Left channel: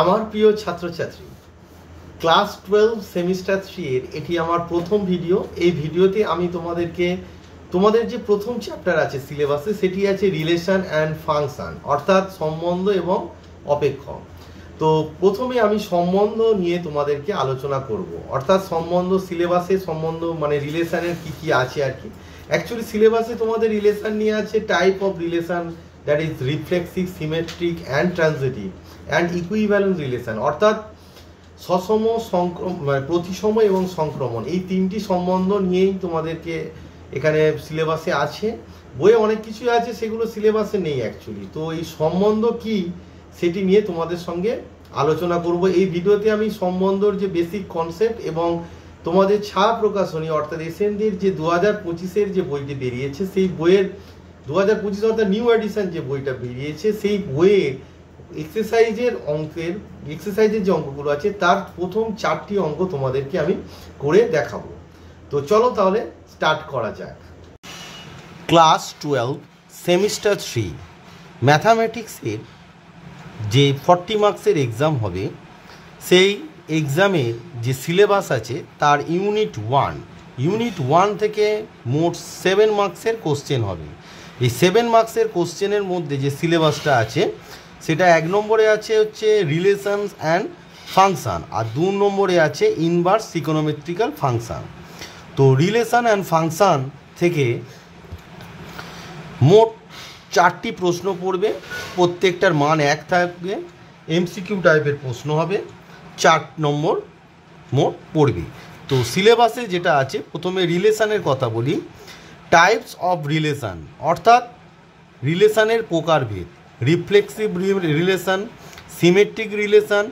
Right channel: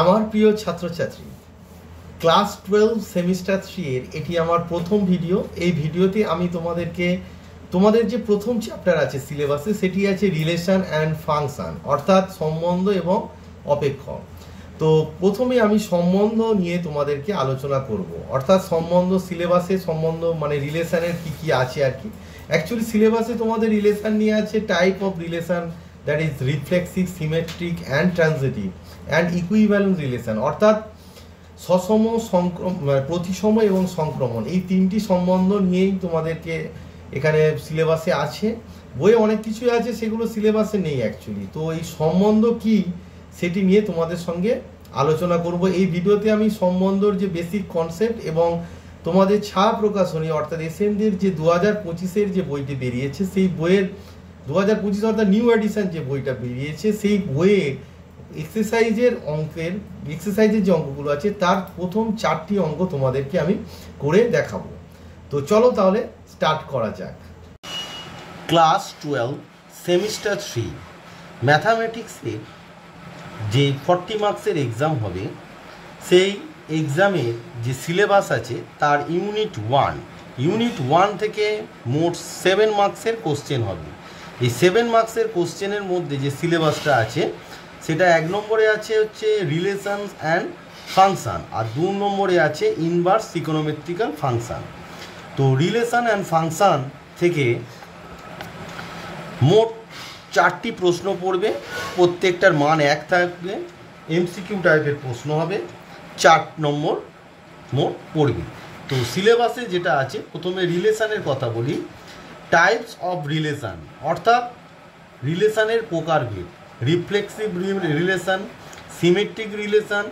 আমার প্রিয় ছাত্রছাত্রী, ক্লাস 12 সেমিস্টার 3 এর এটি আমার প্রথম ভিডিও। এই ভিডিওতে আমি তোমাদের যে প্রথম চ্যাপ্টার আছে সিলেবাসে, সেটি আছে রিলেশন অ্যান্ড ফাংশন, অর্থাৎ সম্বন্ধ এবং অপেক্ষক। তো প্রথমে আমি সম্বন্ধ নিয়ে তোমাদেরকে আলোচনা করব, অর্থাৎ সম্বন্ধ সিলেবাসে সম্বন্ধ মানে রিলেশনের কি আছে আর কি। অ্যাকচুয়ালি সিলেবাসে তোমাদের রিলেশন নিয়ে আছে type of relation, that is reflexive, symmetric and transitive and equivalent relation, অর্থাৎ সসম, প্রতিসম এবং সংক্রমণ। এই তিনটি সম্বন্ধ নিয়েই তোমাদেরকে এখানে সিলেবাসে আছে। বইয়ে অনেক কিছুই আছে, সেগুলো সিলেবাসে নেই অ্যাকচুয়ালি। তো এই সম্বন্ধ কি সেটি নিয়ে তোমাদের সঙ্গে আলোচনা করব এই ভিডিওতে। আমি সম্বন্ধর যে বেসিক কনসেপ্ট এবং তোমাদের ছায়া প্রকাশনী অর্থাৎ এসএনদের যে 2025-এর যে বইটি বেরিয়েছে, সেই বইয়ের 2025 অর্থাৎ নিউ এডিশন যে বইটা বেরিয়েছে, সেই বইয়ে এক্সারসাইজের যে অঙ্কগুলো আছে তার প্রথম 4টি অঙ্ক তোমাদেরকে আমি করে দেখাবো। তো চলো তাহলে স্টার্ট করা যাক। ক্লাস 12 সেমিস্টার 3 ম্যাথামেটিক্সের যে 40 মার্কসের এক্সাম হবে, সেই এক্সামে যে সিলেবাস আছে তার ইউনিট 1 থেকে মোট 7 মার্কসের কোশ্চেন হবে। এই 7 মার্কসের কোশ্চেনের মধ্যে যে সিলেবাসটা আছে সেটা 1 নম্বরে আছে হচ্ছে রিলেশনস অ্যান্ড ফাংশন, আর 2 নম্বরে আছে ইনভার্স ট্রিগোনোমেট্রিক্যাল ফাংশন। তো রিলেশন অ্যান্ড ফাংশন থেকে মোট 4টি প্রশ্ন পড়বে, প্রত্যেকটার মান 1 থাকবে, এমসিকিউ টাইপের প্রশ্ন হবে, 4 নম্বর মোট পড়বে। তো সিলেবাসে যেটা আছে, প্রথমে রিলেশনের কথা বলি। টাইপস অফ রিলেশন, অর্থাৎ রিলেশনের প্রকারভেদ, reflexive relation, symmetric relation,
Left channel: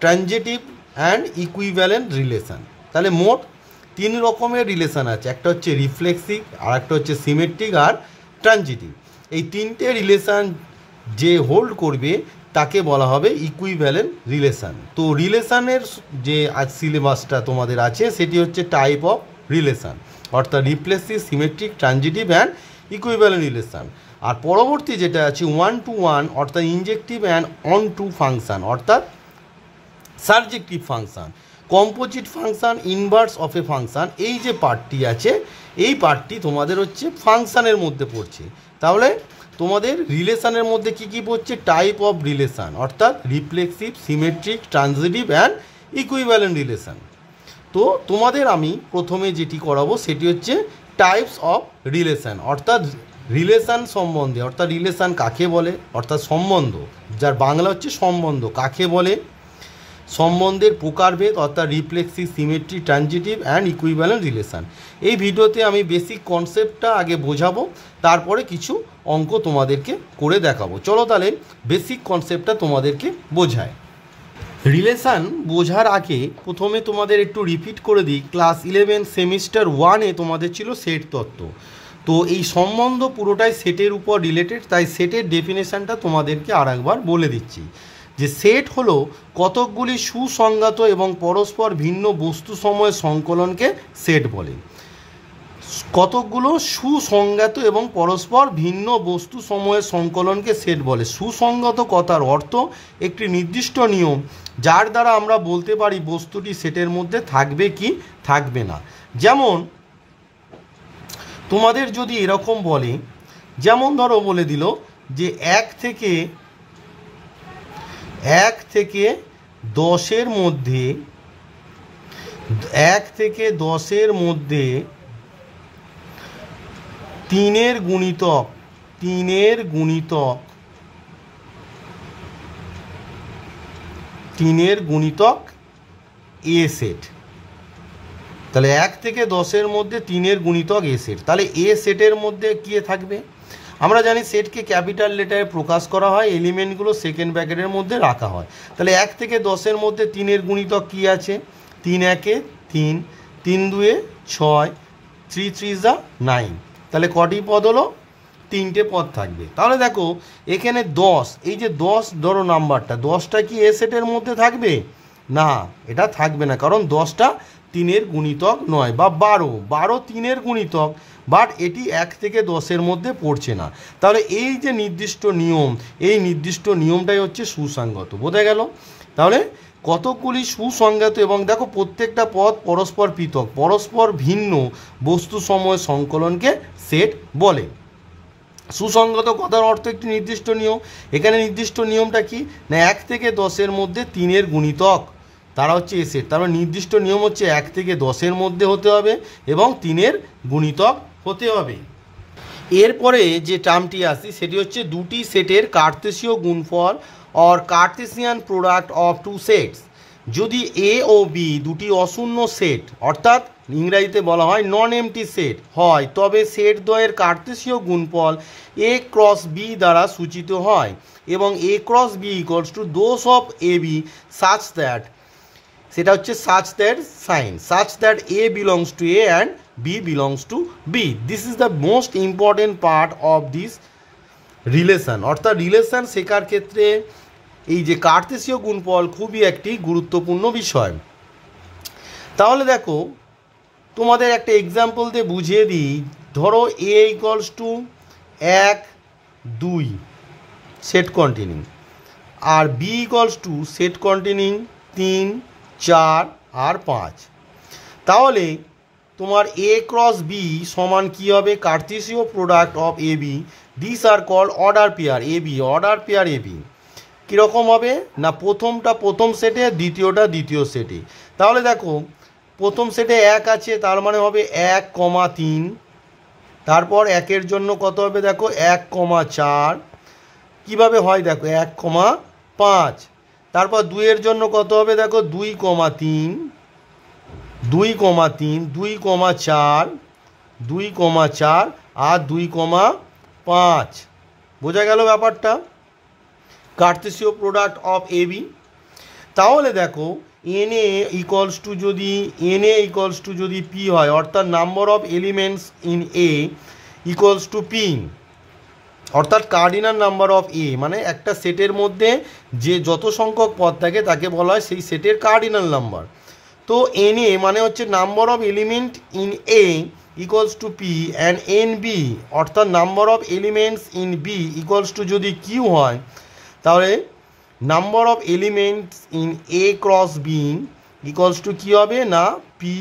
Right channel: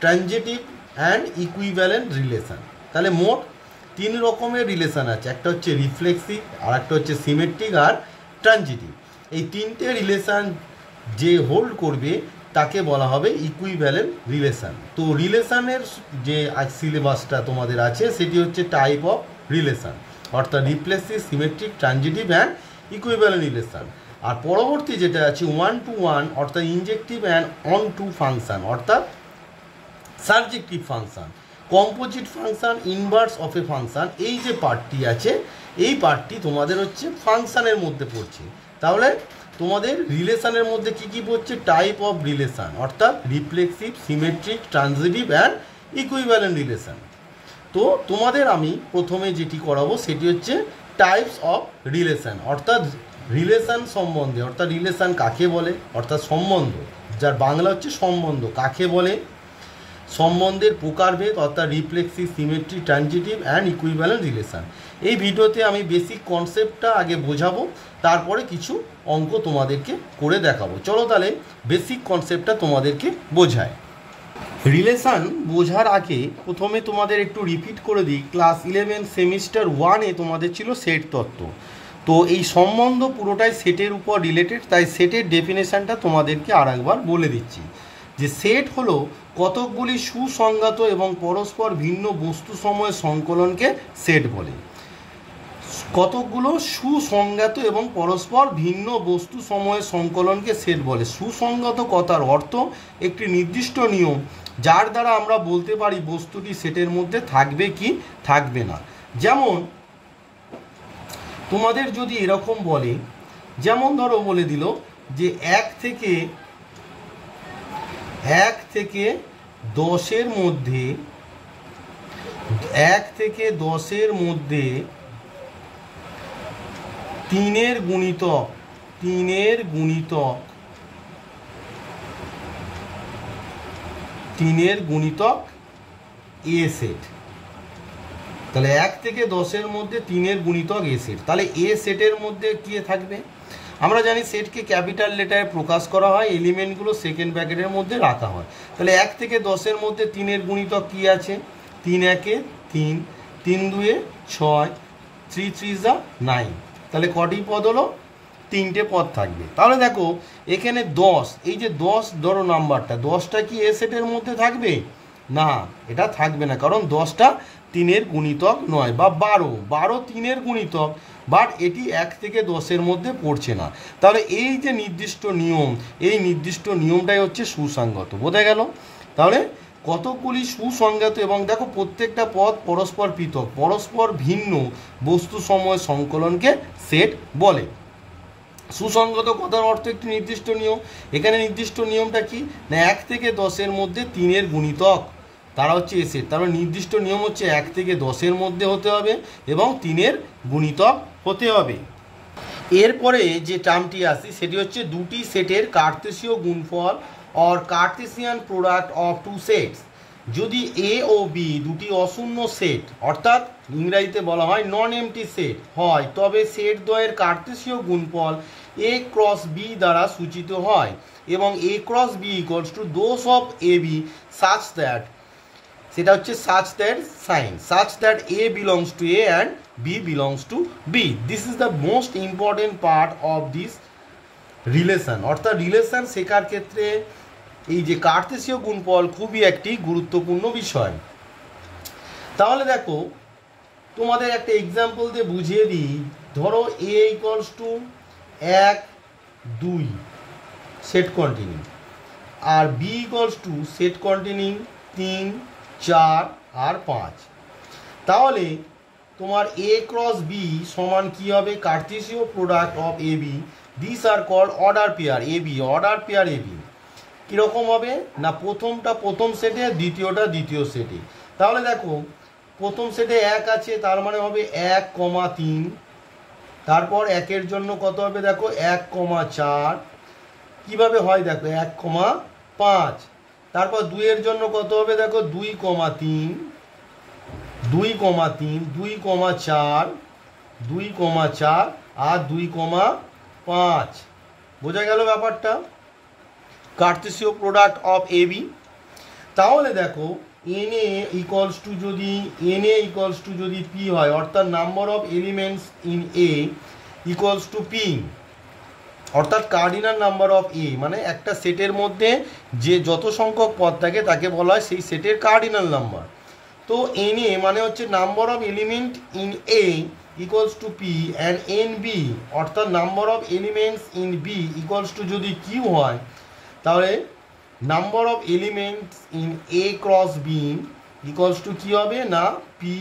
transitive and equivalent relation. তাহলে মোট 3 রকমের রিলেশন আছে, একটা হচ্ছে রিফ্লেক্সিভ, আর একটা হচ্ছে সিমেট্রিক আর ট্রানজিটিভ। এই 3টে রিলেশন যে হোল্ড করবে তাকে বলা হবে ইকুইভ্যালেন্ট রিলেশন। তো রিলেশনের যে আজ সিলেবাসটা তোমাদের আছে সেটি হচ্ছে টাইপ অফ রিলেশন, অর্থাৎ reflexive, symmetric, transitive and equivalent relation. আর পরবর্তী যেটা আছে 1 to 1, অর্থাৎ injective and onto function, অর্থাৎ subjective function, composite function, inverse of a function. এই যে পার্টটি আছে, এই পার্টটি তোমাদের হচ্ছে ফাংশনের মধ্যে পড়ছে। তাহলে তোমাদের রিলেশনের মধ্যে কি পড়ছে? টাইপ অফ রিলেশন, অর্থাৎ reflexive, symmetric, transitive and equivalent relation. তো তোমাদের আমি প্রথমে যেটি করাবো সেটি হচ্ছে টাইপস অফ রিলেশন, অর্থাৎ রিলেশন সম্বন্ধে, অর্থাৎ রিলেশন কাকে বলে, অর্থাৎ সম্বন্ধ, যার বাংলা হচ্ছে সম্বন্ধ কাকে বলে, সম্বন্ধের প্রকারভেদ, অর্থাৎ reflexive, symmetric, transitive and equivalent relation. এই ভিডিওতে আমি বেসিক কনসেপ্টটা আগে বোঝাবো, তারপরে কিছু অঙ্ক তোমাদেরকে করে দেখাবো। চলো তাহলে বেসিক কনসেপ্টটা তোমাদেরকে বোঝায়। রিলেশন বোঝার আগে প্রথমে তোমাদের একটু রিপিট করে দিই, ক্লাস 11 সেমিস্টার 1-এ তোমাদের ছিল সেট তত্ত্ব। তো এই সম্বন্ধ পুরোটাই সেটের উপর রিলেটেড, তাই সেটের ডেফিনেশানটা তোমাদেরকে আর একবার বলে দিচ্ছি যে সেট হলো কতকগুলি সুসংজ্ঞাত এবং পরস্পর ভিন্ন বস্তু সময়ের সংকলনকে সেট বলে। কতকগুলো সুসংজ্ঞাত এবং পরস্পর ভিন্ন বস্তু সময়ের সংকলনকে সেট বলে। সুসংজ্ঞাত কথার অর্থ একটি নির্দিষ্ট নিয়ম যার দ্বারা আমরা বলতে পারি বস্তুটি সেটের মধ্যে থাকবে কি থাকবে না। যেমন তোমাদের যদি এরকম বলে, যেমন ধরো বলে দিল যে 1 থেকে 10-এর মধ্যে 1 থেকে 10-এর মধ্যে 3-এর গুণিতক এ সেট। তাহলে 1 থেকে 10-এর মধ্যে 3-এর গুণিতক এ সেট। তাহলে এ সেটের মধ্যে কি থাকবে? আমরা জানি সেটকে ক্যাপিটাল লেটারে প্রকাশ করা হয়, এলিমেন্টগুলো সেকেন্ড ব্র্যাকেটের মধ্যে রাখা হয়। তাহলে 1 থেকে 10-এর মধ্যে 3-এর গুণিতক কি আছে? 3 1-এ 3, 3 2-এ 6, 3 3 9। তাহলে কটি পদ হলো? 3টে পদ থাকবে। তাহলে দেখো এখানে 10, এই যে 10 ধরো নাম্বারটা, 10টা কি এ সেটের মধ্যে থাকবে? না, এটা থাকবে না, কারণ 10টা 3-এর গুণিতক নয়, বা 12 3-এর গুণিতক, বাট এটি 1 থেকে 10-এর মধ্যে পড়ছে না। তাহলে এই যে নির্দিষ্ট নিয়ম, এই নির্দিষ্ট নিয়মটাই হচ্ছে সুসংগত। বোঝা গেল? তাহলে কতকগুলি সুসংজ্ঞাত এবং দেখো প্রত্যেকটা পদ পরস্পর পৃথক, পরস্পর ভিন্ন বস্তু সময় সংকলনকে সেট বলে। সুসংগত কথার অর্থ একটি নির্দিষ্ট নিয়ম। এখানে নির্দিষ্ট নিয়মটা কি না 1 থেকে 10-এর মধ্যে 3-এর গুণিতক, তারা হচ্ছে এ সেট। তার মানে নির্দিষ্ট নিয়ম হচ্ছে 1 থেকে 10-এর মধ্যে হতে হবে এবং 3-এর গুণিতক হতে হবে। এরপরে যে টার্মটি আসি সেটি হচ্ছে দুটি সেটের কার্তেশীয় গুণফল or Cartesian product of two sets. যদি এ ও বি দুটি অশূন্য সেট অর্থাৎ ইংরেজিতে বলা হয় নন এমটি সেট হয়, তবে সেট দ্বয়ের কার্তেশীয় গুণফল এ ক্রস বি দ্বারা সূচিত হয় এবং A cross B equals to those of A B such that, সেটা হচ্ছে such that sign such that a belongs to A and b belongs to B. This is the most important part of this relation. অর্থাৎ relation শেখার ক্ষেত্রে এই যে কার্তেশীয় গুণফল খুবই একটি গুরুত্বপূর্ণ বিষয়। তাহলে দেখো তোমাদের একটা এক্সাম্পল দিয়ে বুঝিয়ে দিই। ধরো A equals to 1 2 set continue আর B equals to set continue 3 4 আর 5। তাহলে তোমার এ ক্রস বি সমান কী হবে? কার্তেশীয় product of A B, this are called order pair a b, order pair a b. কীরকম হবে না প্রথমটা প্রথম সেটে, দ্বিতীয়টা দ্বিতীয় সেটে। তাহলে দেখো প্রথম সেটে 1 আছে, তার মানে হবে 1,3। তারপর 1-এর জন্য কত হবে দেখো 1,4। কীভাবে হয় দেখো 1,5। তারপর 2-এর জন্য কত হবে দেখো 2,3 2,3 2,4 2,4 আর 2,5। বোঝা গেল ব্যাপারটা? কার্তেশীয় প্রোডাক্ট অফ এ বি। তাহলে দেখো এন এ ইকুয়ালস টু যদি পি হয়, অর্থাৎ number of elements in A equals to P, অর্থাৎ কার্ডিনাল নাম্বার অফ এ, মানে একটা সেটের মধ্যে যে যত সংখ্যক পদ থাকে তাকে বলা হয় সেই সেটের কার্ডিনাল নাম্বার। তো এন এ মানে হচ্ছে number of element in A equals to p and n B, অর্থাৎ number of elements in B equals to যদি কিউ হয়, তাহলে number of elements in A cross B equals to কী হবে না পি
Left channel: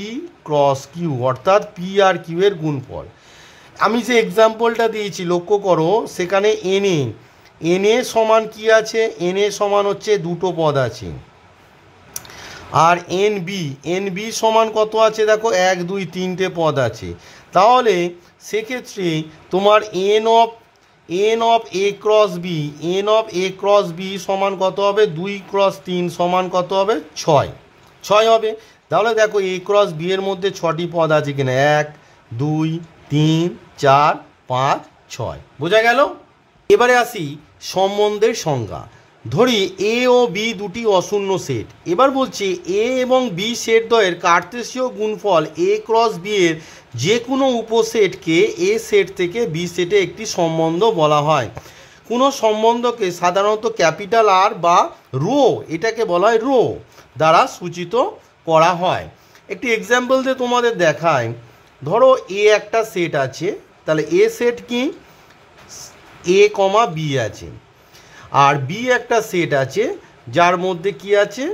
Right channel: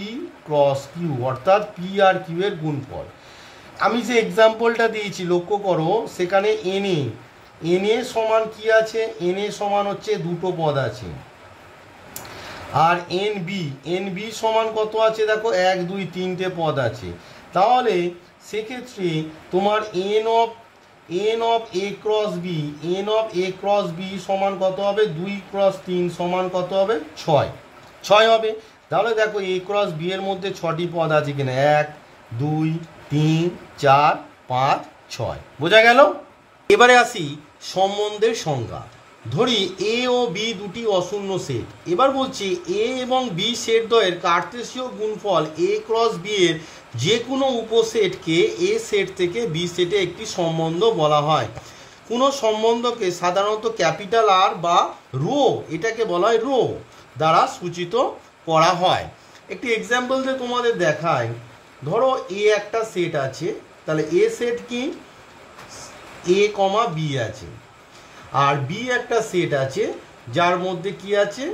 ক্রস কিউ, অর্থাৎ p আর q এর গুণফল। আমি যে এক্সাম্পলটা দিয়েছি লক্ষ্য করো, সেখানে এন এ সমান কি আছে? এন এ সমান হচ্ছে দুটো পদ আছে। আর এন বি সমান কত আছে দেখো 1 2 3টে পদ আছে। তাহলে সেক্ষেত্রে তোমার n of A cross B সমান কত হবে? 2 × 3 সমান কত হবে? 6 হবে। তাহলে দেখো এ ক্রস বি এর মধ্যে 6টি পদ আছে কিনা, 1 2 3 4 5 6। বোঝা গেল? এবারে আসি সম্বন্ধের সংজ্ঞা। ধরি এ ও বি দুটি অশূন্য সেট। এবার বলছি এ এবং বি সেট দ্বয়ের কার্তেশীয় গুণফল এ ক্রস বি এর যে কোনো উপসেটকে এ সেট থেকে বি সেটে একটি সম্বন্ধ বলা হয়। কোনো সম্বন্ধকে সাধারণত ক্যাপিটাল আর বা রো, এটাকে বলা হয় রো দ্বারা সূচিত করা হয়। একটি এক্সাম্পল দিয়ে তোমাদের দেখায়। ধরো এ একটা সেট আছে, তাহলে এ সেট কি এ কমা বি আছে, আর বি একটা সেট আছে যার মধ্যে কি আছে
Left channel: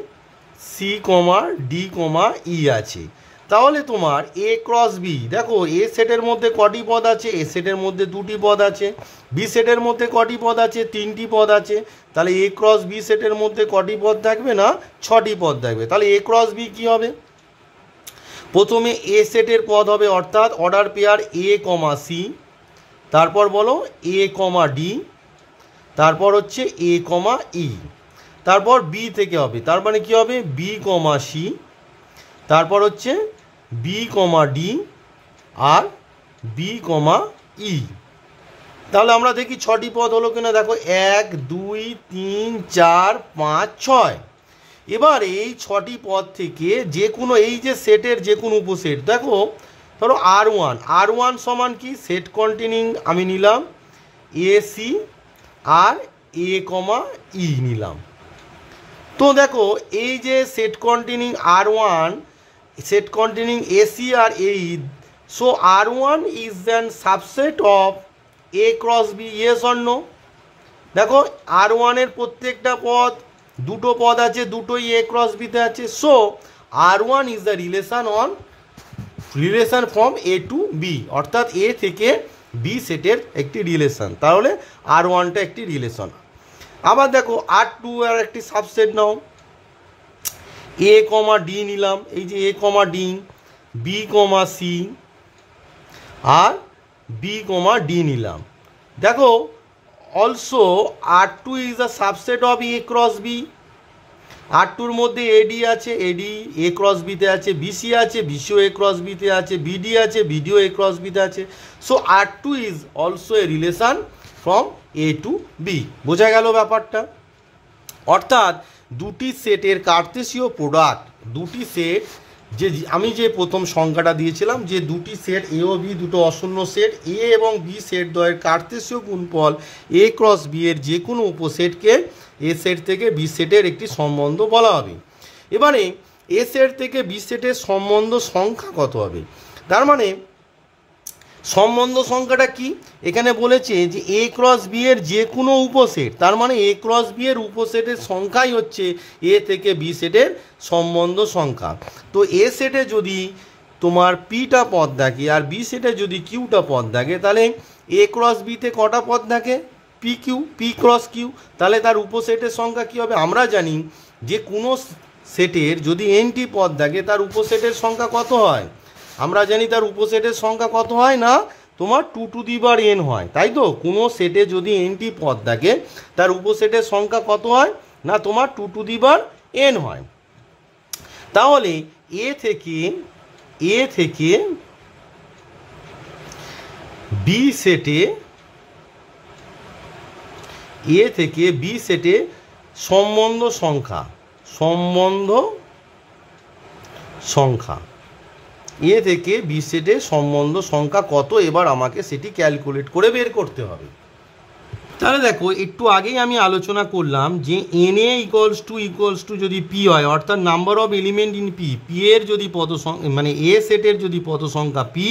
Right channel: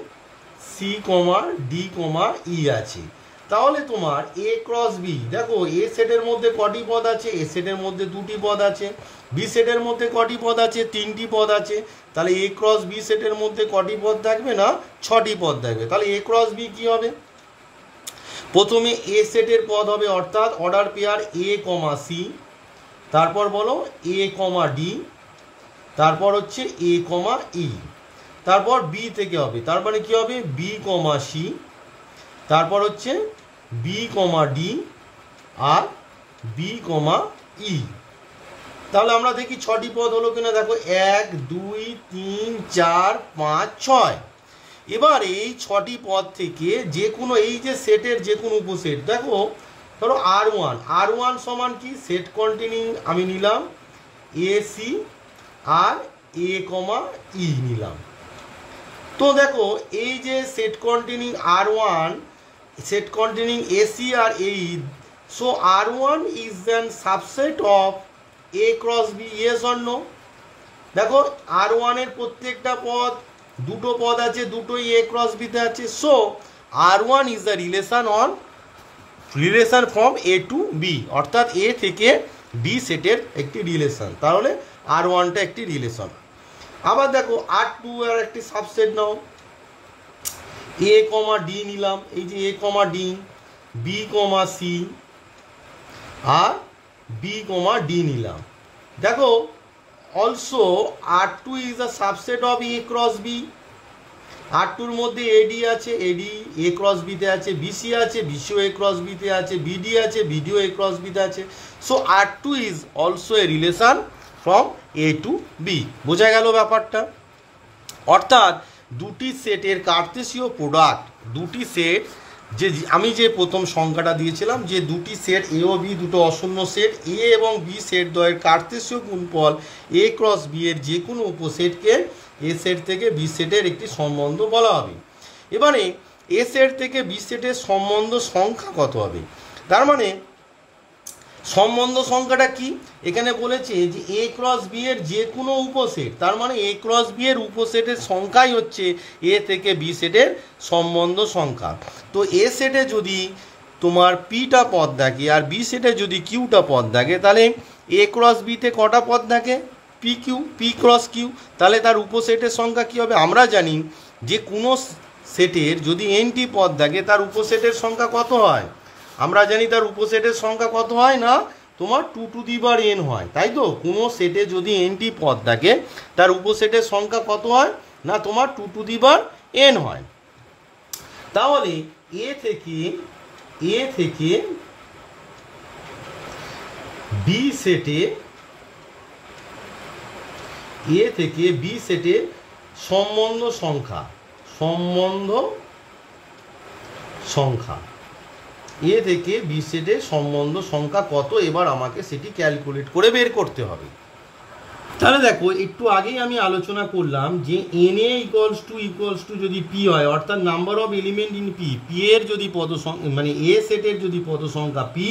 সি কমা ডি কমা ই আছে। তাহলে তোমার এ ক্রস বি, দেখো এ সেটের মধ্যে কটি পদ আছে? এ সেটের মধ্যে 2টি পদ আছে। বি সেটের মধ্যে কটি পদ আছে? 3টি পদ আছে। তাহলে এ ক্রস বি সেটের মধ্যে কটি পদ থাকবে না 6টি পদ থাকবে। তাহলে এ ক্রস বি কী হবে? প্রথমে এ সেটের পদ হবে অর্থাৎ অর্ডার পেয়ার এ কমা সি, তারপর বলো এ কমা ডি, তারপর হচ্ছে এ কমা ই, তারপর বি থেকে হবে, তার মানে কী হবে বি কমা সি, তারপর হচ্ছে বি কমা ডি আর বি কমা ই। তাহলে আমরা দেখি 6টি পদ হলো কিনা। দেখো 1 2 3 4 5 6। এবার এই 6টি পদ থেকে যে কোনো এই যে সেটের যে কোনো উপসেট, দেখো ধরো আর1 সমান কি সেট কন্টিনিউ আমি নিলাম এ সি আর এ কমা ই নিলাম। তো দেখো এই যে set continue R, set continue A C R A E, so R is an subset of A cross B, yes or no? দেখো আর1 এর প্রত্যেকটা পদ দুটো পদ আছে, দুটোই এ ক্রস বিতে আছে। So R1 is the relation from A to B, অর্থাৎ এ থেকে বি সেটের একটি রিলেশন। তাহলে R1টা একটি রিলেশন। আবার দেখো R2 এর একটি সাবসেট নাও, এ কমা ডি নিলাম, এই যে a comma d, b comma c আর বি কমা ডি নিলাম। দেখো also R2 is a subset of A cross B. R2-র মধ্যে এডি আছে, এডি এ ক্রস বিতে আছে, বিসি আছে, বিসিও এ ক্রস বিতে আছে, বিডি আছে, বিডিও এ ক্রস বিতে আছে। So R2 is also a relation from A to B. বোঝা গেল ব্যাপারটা? অর্থাৎ দুটি সেটের কার্তেশীয় প্রোডাক্ট, দুটি সেট, যে আমি যে প্রথম সংখ্যাটা দিয়েছিলাম যে দুটি সেট এ ও বি, দুটো অশূন্য সেট, এ এবং বি সেট দ্বয়ের কার্তেশীয় গুণফল এ ক্রস বি এর যে কোনো উপসেটকে এ সেট থেকে বি সেটের একটি সম্বন্ধ বলা হবে। এবারে এ সেট থেকে বি সেটের সম্বন্ধ সংখ্যা কত হবে? তার মানে সম্বন্ধ সংখ্যাটা কি? এখানে বলেছে যে এ ক্রস বি এর যে কোনো উপসেট, তার মানে এ ক্রস বি এর উপসেটের সংখ্যাই হচ্ছে এ থেকে বি সেটের সম্বন্ধ সংখ্যা। তো এ সেটে যদি তোমার পিটা পদ থাকে আর বি সেটে যদি কিউটা পদ থাকে, তাহলে এ ক্রস বিতে কটা পদ থাকে? P Q, P cross Q. তাহলে তার উপসেটের সংখ্যা কী হবে? আমরা জানি যে কোনো সেটের যদি এনটি পদ থাকে তার উপসেটের সংখ্যা কত হয়? আমরা জানি তার উপসেটের সংখ্যা কত হয় না তোমার 2n হয়, তাই তো? কোনো সেটে যদি এনটি পদ থাকে তার উপসেটের সংখ্যা কত হয় না তোমার 2n হয়। তাহলে এ থেকে বি সেটে সম্বন্ধ সংখ্যা এ থেকে বি সেটের সম্বন্ধ সংখ্যা কত, এবার আমাকে সেটি ক্যালকুলেট করে বের করতে হবে। তাহলে দেখো একটু আগেই আমি আলোচনা করলাম যে এন এ ইকুয়ালস টু যদি পি হয়, অর্থাৎ number of element in P, P এর যদি মানে এ সেটের যদি পদ সংখ্যা পি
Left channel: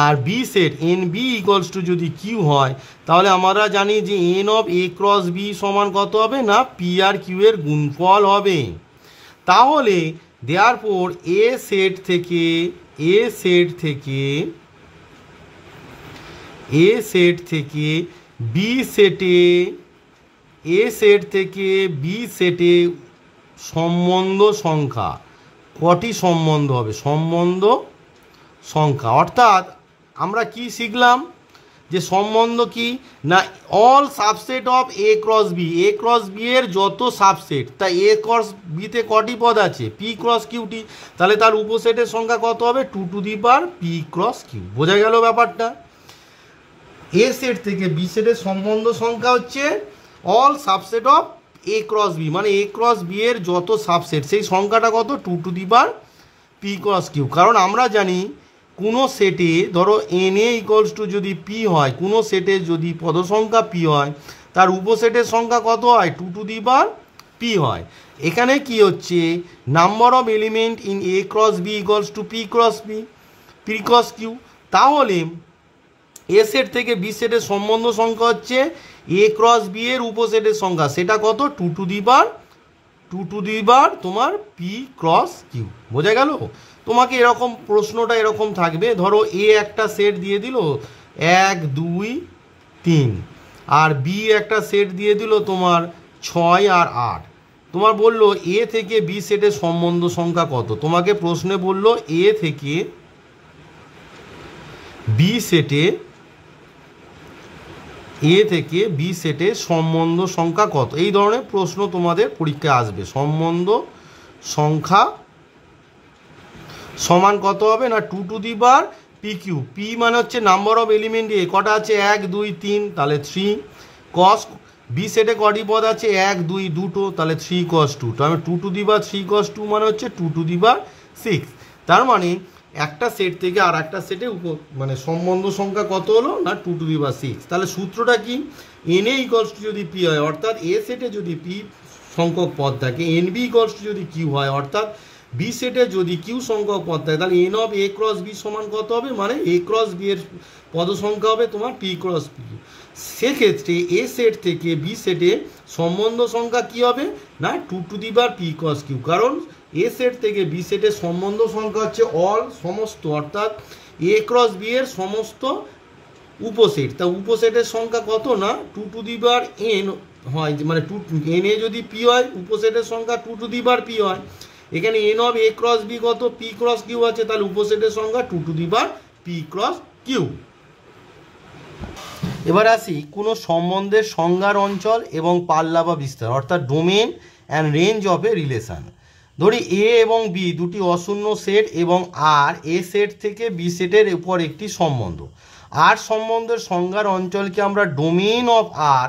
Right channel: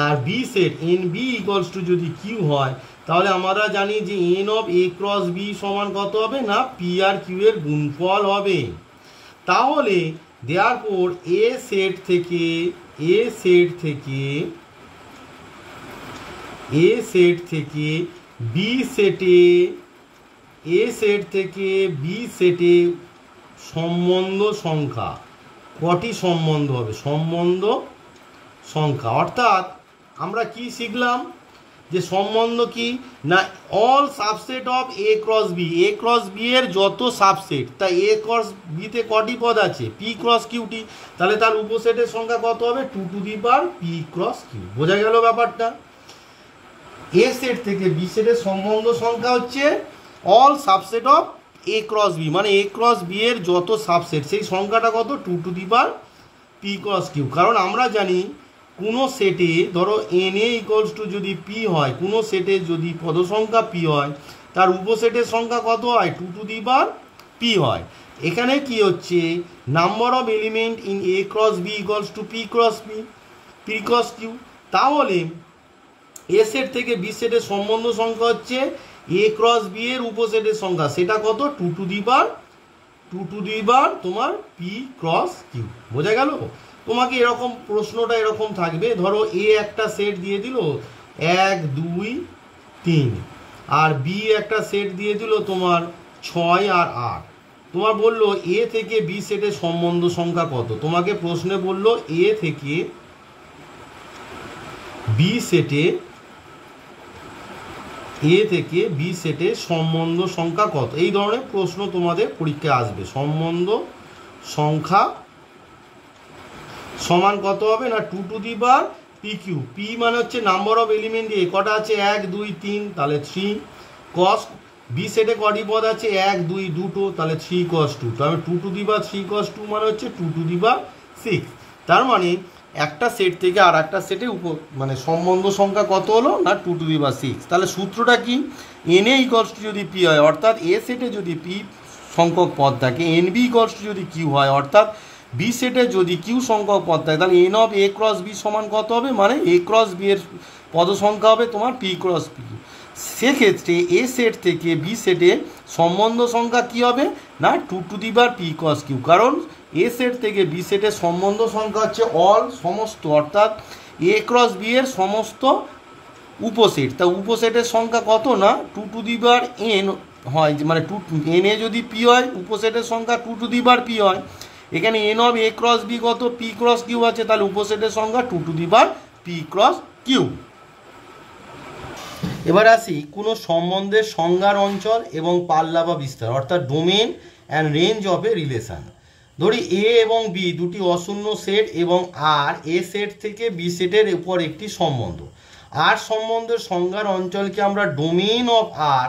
আর B set n B equals to যদি কিউ হয়, তাহলে আমরা জানি যে n of A cross B সমান কত হবে না পি আর কিউ এর গুণফল হবে। তাহলে দেয়ারফর এ সেট থেকে বি সেটে সম্বন্ধ সংখ্যা কটি সম্বন্ধ হবে? সম্বন্ধ সংখ্যা। অর্থাৎ আমরা কি শিখলাম যে সম্বন্ধ কি না all subset of A cross B, A cross B এর যত সাবসেট, তা এ ক্রস বিতে কটি পদ আছে? P cross cutie. তাহলে তার উপসেটের সংখ্যা কত হবে? 2 পি ক্রস কিউ। বোঝা গেল ব্যাপারটা? এ সেট থেকে বি সেটের সম্বন্ধ সংখ্যা হচ্ছে all subset of A cross B, মানে এ ক্রস বি এর যত সাবসেট সেই সংখ্যাটা কত? 2 পি ক্রস কিউ। কারণ আমরা জানি কোনো সেটে ধরো এন এ ইকুয়ালস টু যদি পি হয়, কোনো সেটে যদি পদসংখ্যা পি হয় তার উপসেটের সংখ্যা কত হয়? 2 পি হয়। এখানে কি হচ্ছে? Number of element in A cross B equals to P cross Q. তাহলে এ সেট থেকে বি সেটের সম্বন্ধ সংখ্যা হচ্ছে এ ক্রস বি এর উপসেটের সংখ্যা, সেটা কত? 2 তোমার পি ক্রস কিউ। বোঝা গেল? তোমাকে এরকম প্রশ্নটা এরকম থাকবে, ধরো এ একটা সেট দিয়ে দিল 1 2 3 আর বি একটা সেট দিয়ে দিল তোমার 6 আর 8। তোমার বললো এ থেকে বি সেটের সম্বন্ধ সংখ্যা কত? তোমাকে প্রশ্নে বললো এ থেকে বি সেটে সম্বন্ধ সংখ্যা কত? এই ধরনের প্রশ্ন তোমাদের পরীক্ষায় আসবে। সম্বন্ধ সংখ্যা সমান কত হবে না 2 পি কিউ। পি মানে হচ্ছে নাম্বার অফ এলিমেন্ট এ, কটা আছে? 1 2 3, তাহলে 3 কস। বি সেটে কটি পদ আছে? 1 2 দুটো, তাহলে 3 cos 2। তাহলে 2 cos 2 মানে হচ্ছে 2 6। তার মানে একটা সেট থেকে আর একটা সেটে মানে সম্বন্ধ সংখ্যা কত হলো না 2 6। তাহলে সূত্রটা কি? এন এ ইকুয়ালস টু যদি পি হয়, অর্থাৎ এ সেটে যদি পি সংখ্যক পদ থাকে, এন বি ইকুয়ালস টু যদি কিউ হয়, অর্থাৎ বি সেটে যদি কিউ সংখ্যক পদ থাকে, তাহলে n of A cross B সমান কত হবে? মানে এ ক্রস বি এর পদ সংখ্যা হবে তোমার পি ক্রস কিউ। সেক্ষেত্রে এ সেট থেকে বি সেটের সম্বন্ধ সংখ্যা কী হবে না 2 পি কস কিউ, কারণ এ সেট থেকে বি সেটের সম্বন্ধ সংখ্যা হচ্ছে অল সমস্ত, অর্থাৎ এ ক্রস বি এর সমস্ত উপসেট। তা উপসেটের সংখ্যা কত না 2n হয়, মানে এন এ যদি পি হয় উপসেটের সংখ্যা 2 পি হয়। এখানে n of A cross B কত পি ক্রস কিউ আছে, তাহলে উপসেটের সংখ্যা 2 পি ক্রস কিউ। এবার আসি কোনো সম্বন্ধের সংজ্ঞার অঞ্চল এবং পাল্লা বা বিস্তার, অর্থাৎ domain and range of A relation. ধরি এ এবং বি দুটি অশূন্য সেট এবং আর এ সেট থেকে বি সেটের উপর একটি সম্বন্ধ। আর সম্বন্ধের সংজ্ঞার অঞ্চলকে আমরা ডোমেইন অফ আর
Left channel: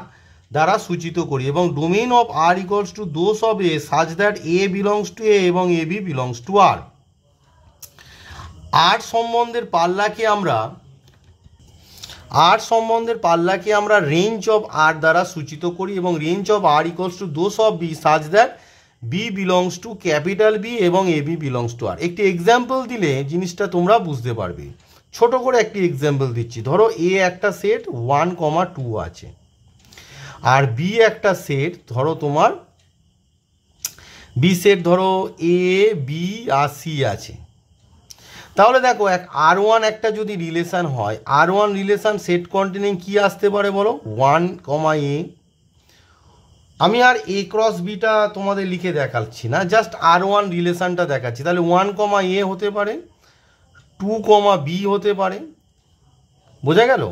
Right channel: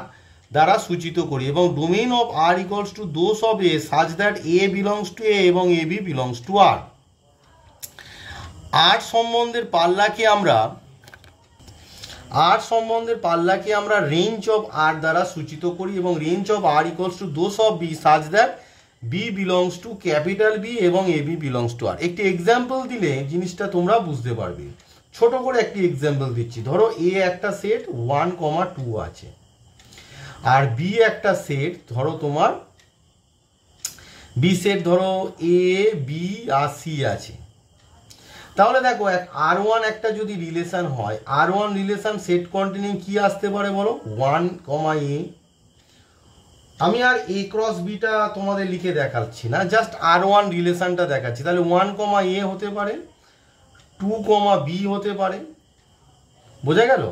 দ্বারা সূচিত করি, এবং domain of R equals to those of a such that a belongs to A এবং A B belongs to R. আর সম্বন্ধের পাল্লাকে আমরা রেঞ্জ অফ আর দ্বারা সূচিত করি, এবং range of R equals to those of B such that B belongs to capital B এবং A B belongs to R. একটি এক্সাম্পল দিলে জিনিসটা তোমরা বুঝতে পারবে। ছোট করে একটি এক্সাম্পল দিচ্ছি। ধরো এ একটা সেট 1,2 আছে, আর বি একটা সেট ধরো তোমার বি সেট ধরো এ বি আর সি আছে। তাহলে দেখো R1 একটা যদি রিলেশান হয়, R1 রিলেশান সেট কন্টেনিং কি আসতে পারে বলো 1, এ। আমি আর এ ক্রস বিটা তোমাদের লিখে দেখাচ্ছি না, জাস্ট R1 রিলেশানটা দেখাচ্ছি। তাহলে 1, এ হতে পারে, 2, বি হতে পারে। বোঝা গেল?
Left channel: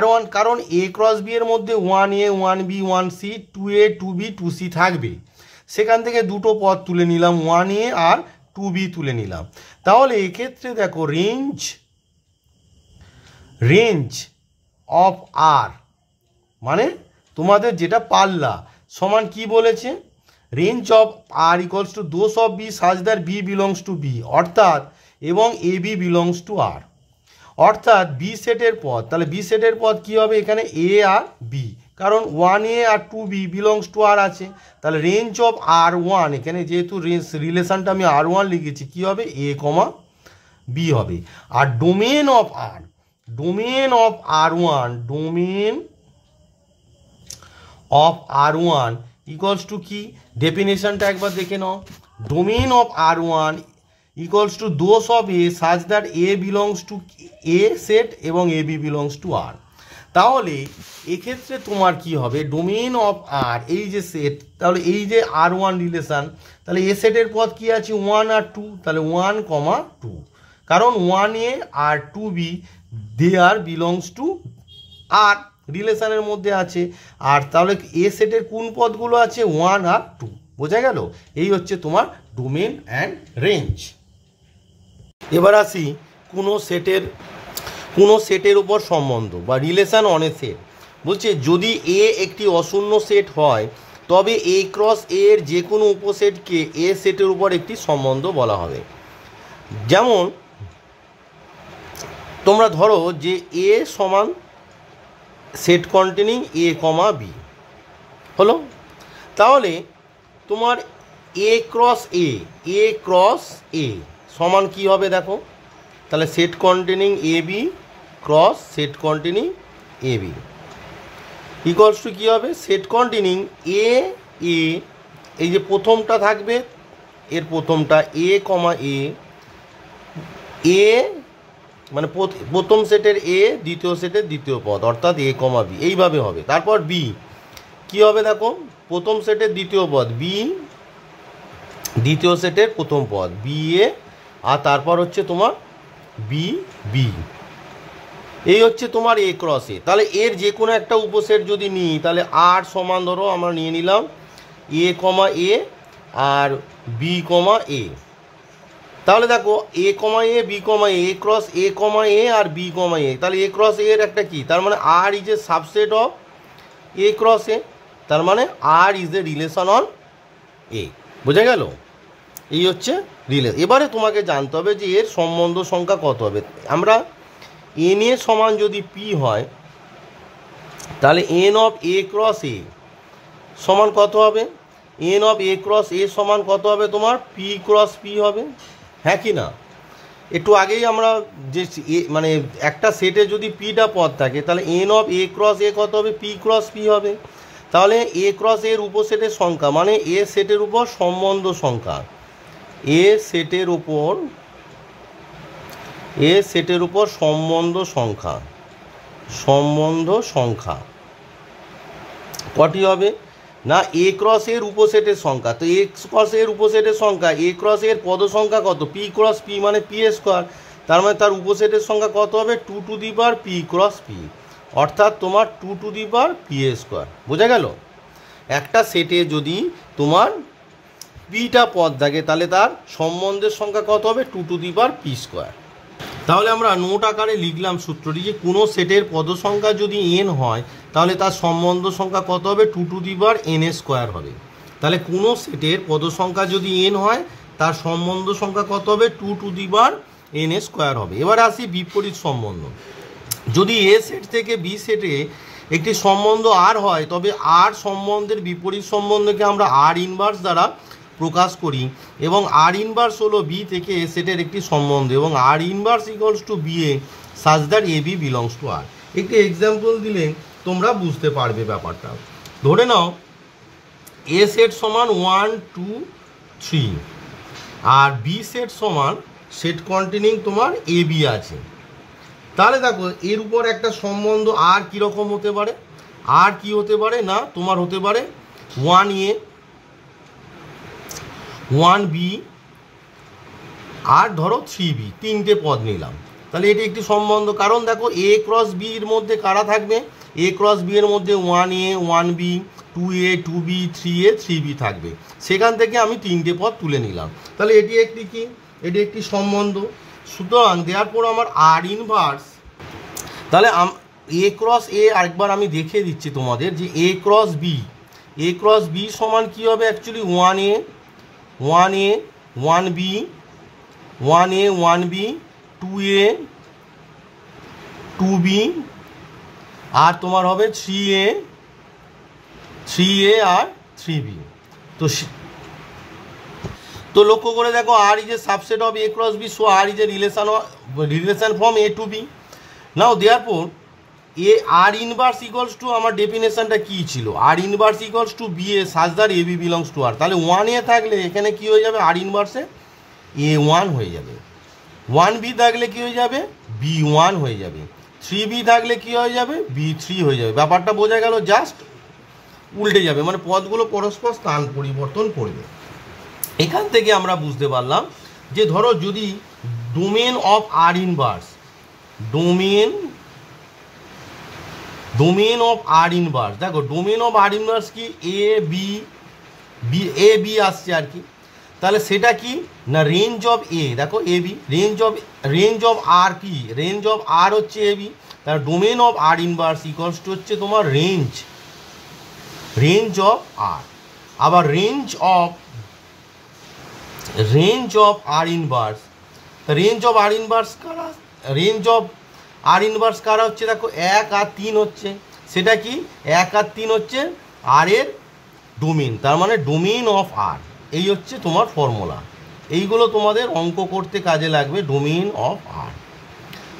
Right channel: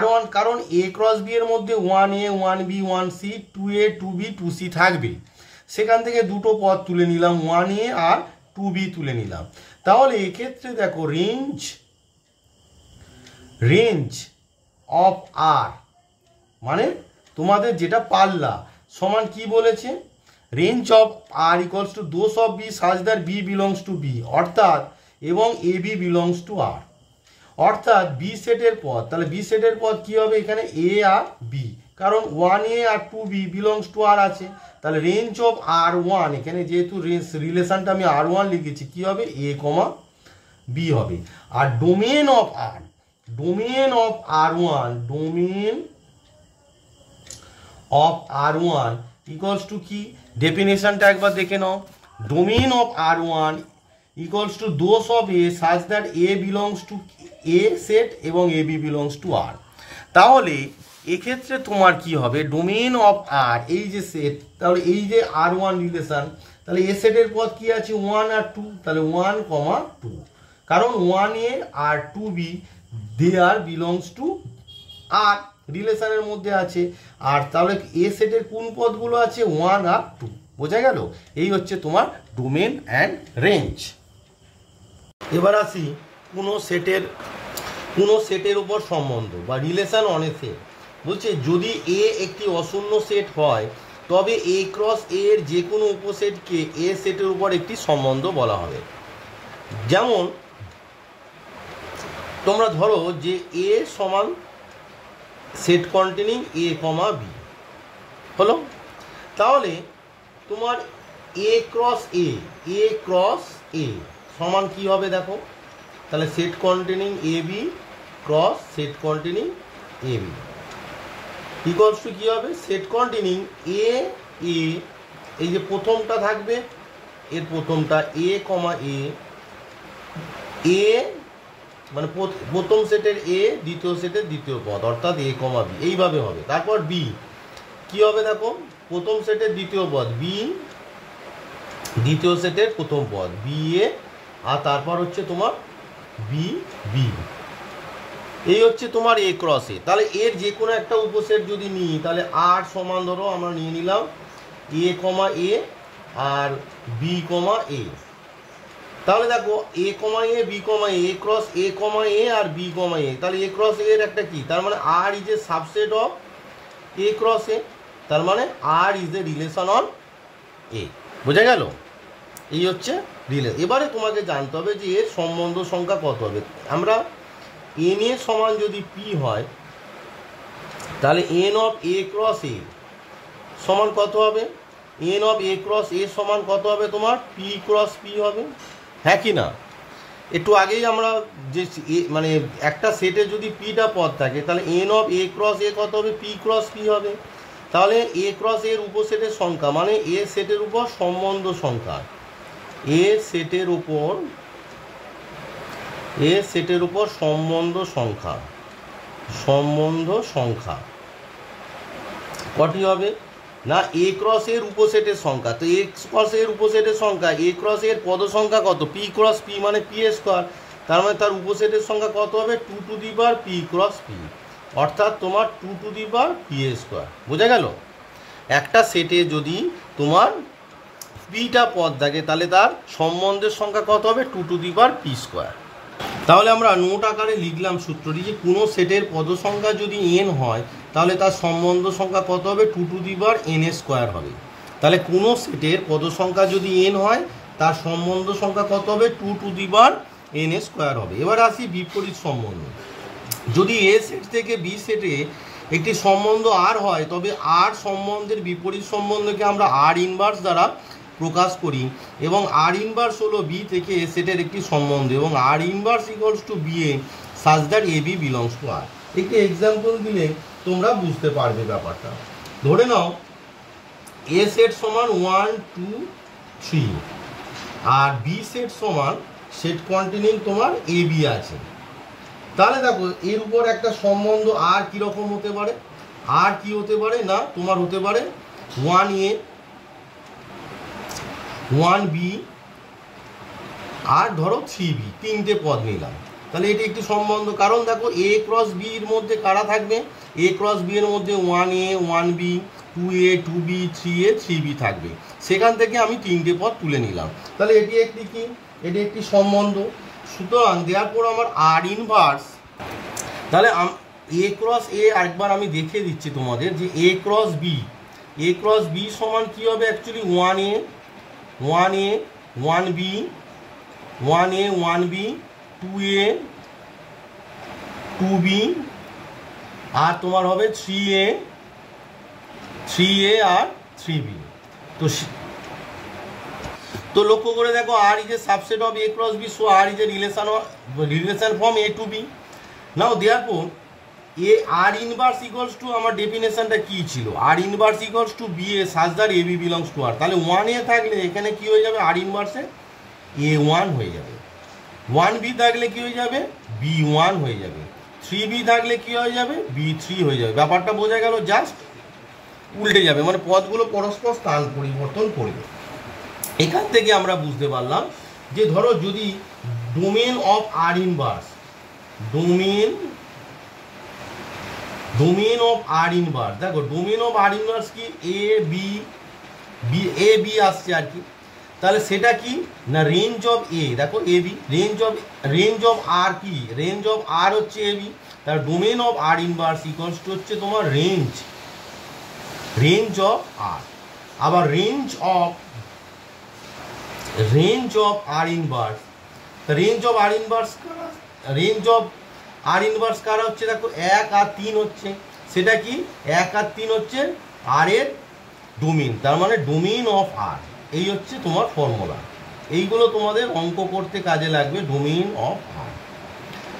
R1 কারণ এ ক্রস বি এর মধ্যে 1A 1B 1C 2A 2B 2C থাকবে, সেখান থেকে দুটো পদ তুলে নিলাম, 1A আর 2B তুলে নিলাম। তাহলে এক্ষেত্রে দেখো রেঞ্জ অফ আর মানে তোমাদের যেটা পাল্লা সমান কি বলেছে, range of R equals to those of B such that B belongs to B, অর্থাৎ এবং A B belongs to R, অর্থাৎ বি সেটের পদ। তাহলে বি সেটের পদ কি হবে এখানে এ আর বি, কারণ 1A R 2B belongs to আর আছে। তাহলে রেঞ্জ অফ R1, এখানে যেহেতু রিলেশনটা আমি R1 লিখেছি, কি হবে এ বি হবে। আর domain of R1 equals to কি, ডেফিনেশনটা একবার দেখে নাও। Domain of R1 equals to those of a such that a belongs to A set এবং A B belongs to R. তাহলে এক্ষেত্রে তোমার কি হবে, ডোমেন অফ আর এই যে সেট, তাহলে এই যে R1 রিলেশান, তাহলে এ সেটের পদ কি আছে 1 আর 2, তাহলে 1, 2, কারণ 1A R 2B they R belongs to আর রিলেশানের মধ্যে আছে। আর তাহলে এ সেটের কোন পদগুলো আছে 1 আর 2। বোঝা গেল? এই হচ্ছে তোমার ডোমেন অ্যান্ড রেঞ্জ। এবার আসি কোনো সেটের উপর সম্বন্ধ বা রিলেশান অন এ সেট। বলছে যদি এ একটি অশূন্য সেট হয় তবে এ ক্রস এ এর যে কোনো উপসেটকে এ সেটের উপর একটি সম্বন্ধ বলা হবে। যেমন তোমরা ধরো যে এ সমান সেট কন্টেনিং এ, বি হলো, তাহলে তোমার এ ক্রস এ সমান কি হবে দেখো, তাহলে set containing a b cross set containing a b equals to কী হবে, সেট কন্টেনিং এ, এই যে প্রথমটা থাকবে এর প্রথমটা এ, এ মানে প্রথম সেটের এ, দ্বিতীয় সেটের দ্বিতীয় পদ, অর্থাৎ এ, বি এইভাবে হবে। তারপর বি কি হবে দেখো, প্রথম সেটের দ্বিতীয় পদ বি, দ্বিতীয় সেটের প্রথম পদ বি এ, আর তারপর হচ্ছে তোমার বি, এই হচ্ছে তোমার এ ক্রস এ। তাহলে এর যে কোনো একটা উপসেট যদি নিই, তাহলে আর সমান ধরো আমরা নিয়ে নিলাম এ, এ আর বি, এ। তাহলে দেখো এ, b, A cross A, a আর বি, এ, তাহলে এ ক্রস এর একটা কি, তার মানে R is a subset of A cross A, তার মানে R is a relation on A. বোঝা গেল? এই হচ্ছে রিলেশন। এবারে তোমাকে জানতে হবে যে এর সম্বন্ধ সংখ্যা কত হবে। আমরা এন এ সমান যদি পি হয়, তাহলে এন অফ এ ক্রস এ সমান কত হবে, এন অফ এ ক্রস এ সমান কত হবে তোমার পি ক্রস পি হবে, হ্যাঁ কি না? একটু আগেই আমরা যে মানে একটা সেটে যদি পিটা পদ থাকে তাহলে এন অফ এ ক্রস এ কত হবে, পি ক্রস পি হবে। তাহলে এ ক্রস এর উপসেটের সংখ্যা মানে এ সেটের উপর সম্বন্ধ সংখ্যা, এ সেটের উপর সম্বন্ধ সংখ্যা কটি হবে না, এ ক্রস এর উপসেটের সংখ্যা। তো এ ক্রস এর উপসেটের সংখ্যা, এ ক্রস এর পদ সংখ্যা কত, পি ক্রস পি মানে পি স্কোয়ার, তার মানে তার উপসেটের সংখ্যা কত হবে, 2 to the power P cross P, অর্থাৎ তোমার 2 to the power P square. বোঝা গেল? একটা সেটে যদি তোমার পিটা পদ থাকে তাহলে তার সম্বন্ধের সংখ্যা কত হবে, 2 to the power P square. তাহলে আমরা নোট আকারে লিখলাম সূত্রটি যে কোনো সেটের পদ সংখ্যা যদি এন হয় তাহলে তার সম্বন্ধ সংখ্যা কত হবে, 2 to the power N square হবে। তাহলে কোনো সেটের পদ সংখ্যা যদি এন হয় তার সম্বন্ধ সংখ্যা কত হবে, 2 to the power N square হবে। এবারে আসি বিপরীত সম্বন্ধ। যদি এ সেট থেকে বি সেটে একটি সম্বন্ধ আর হয় তবে আর সম্বন্ধের বিপরীত সম্বন্ধকে আমরা আর ইনভার্স দ্বারা প্রকাশ করি, এবং আর ইনভার্স হলো বি থেকে এ সেটের একটি সম্বন্ধ, এবং R inverse equals to b a such that a B belongs to R. একটি এক্সাম্পল দিলে তোমরা বুঝতে পারবে ব্যাপারটা। ধরে নাও এ সেট সমান 1 2 3 আর বি সেট সমান সেট কন্টেনিং তোমার এ বি আছে। তাহলে দেখো এর উপর একটা সম্বন্ধ আর কীরকম হতে পারে, আর কি হতে পারে না তোমার হতে পারে 1a 1b আর ধরো 3b, তিনটে পদ নিলাম। তাহলে এটি একটি সম্বন্ধ, কারণ দেখো এ ক্রস বি এর মধ্যে কারা থাকবে, এ ক্রস বি এর মধ্যে 1a 1b 2a 2b 3a 3b থাকবে, সেখান থেকে আমি তিনটে পদ তুলে নিলাম। তাহলে এটি একটি কি, এটি একটি সম্বন্ধ। সুতরাং দেওয়ার পর আমার আর ইনভার্স, তাহলে এ ক্রস এ আরেকবার আমি দেখিয়ে দিচ্ছি তোমাদের যে এ ক্রস বি সমান কী হবে, actually 1a 1b 2a 2b আর তোমার হবে 3a আর 3b। তো লক্ষ্য করে দেখো R is a subset of A cross B, so R is a relation from A to B. Now therefore a R inverse equals to, আমার ডেফিনেশনটা কী ছিল, R inverse equals to b a such that a B belongs to R. তাহলে 1a থাকলে এখানে কী হয়ে যাবে, আর ইনভার্সে a1 হয়ে যাবে, 1b থাকলে কী হয়ে যাবে, b1 হয়ে যাবে, 3b থাকলে কী হয়ে যাবে, b3 হয়ে যাবে। ব্যাপারটা বোঝা গেল? জাস্ট উল্টে যাবে, মানে পদগুলো পরস্পর স্থান পরিবর্তন করবে। এখান থেকে আমরা বুঝতে পারলাম যে ধরো যদি domain of R inverse, domain of R inverse, দেখো ডোমেন অফ আর ইনভার্স কি, এ বি আসছে আর কি। তাহলে সেটা কি না, রেঞ্জ অফ এ, দেখো এ বি, রেঞ্জ অফ আর কি, রেঞ্জ অফ আর হচ্ছে এ বি। তার domain of R inverse equals to হচ্ছে তোমার রেঞ্জ অফ আর। আবার range of R inverse, range of R inverse কারা, রেঞ্জ অফ আর ইনভার্স কারা হচ্ছে, দেখো 1 আর 3 হচ্ছে, সেটা কি 1 আর 3 হচ্ছে আর এর ডোমেন, তার মানে ডোমেন অফ আর। এই হচ্ছে তোমার ফর্মুলা, এইগুলো তোমাদের অঙ্ক করতে কাজে লাগবে, ডোমেন অফ আর।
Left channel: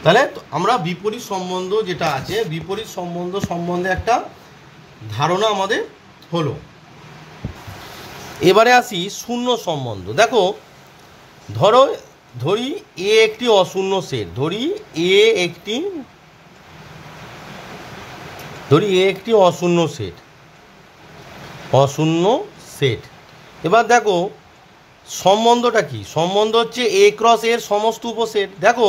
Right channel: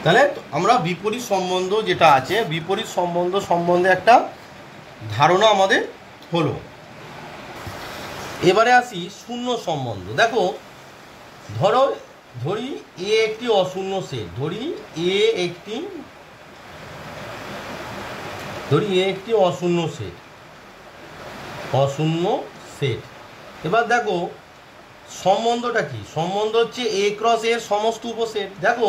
তাহলে আমরা বিপরীত সম্বন্ধ যেটা আছে, বিপরীত সম্বন্ধ সম্বন্ধে একটা ধারণা আমাদের হলো। এবারে আসি শূন্য সম্বন্ধ। দেখো ধরি এ একটি অশূন্য সেট, ধরি এ একটি অশূন্য সেট। এবার দেখো সম্বন্ধটা কি, সম্বন্ধ হচ্ছে এ ক্রস এর সমস্ত উপসেট। দেখো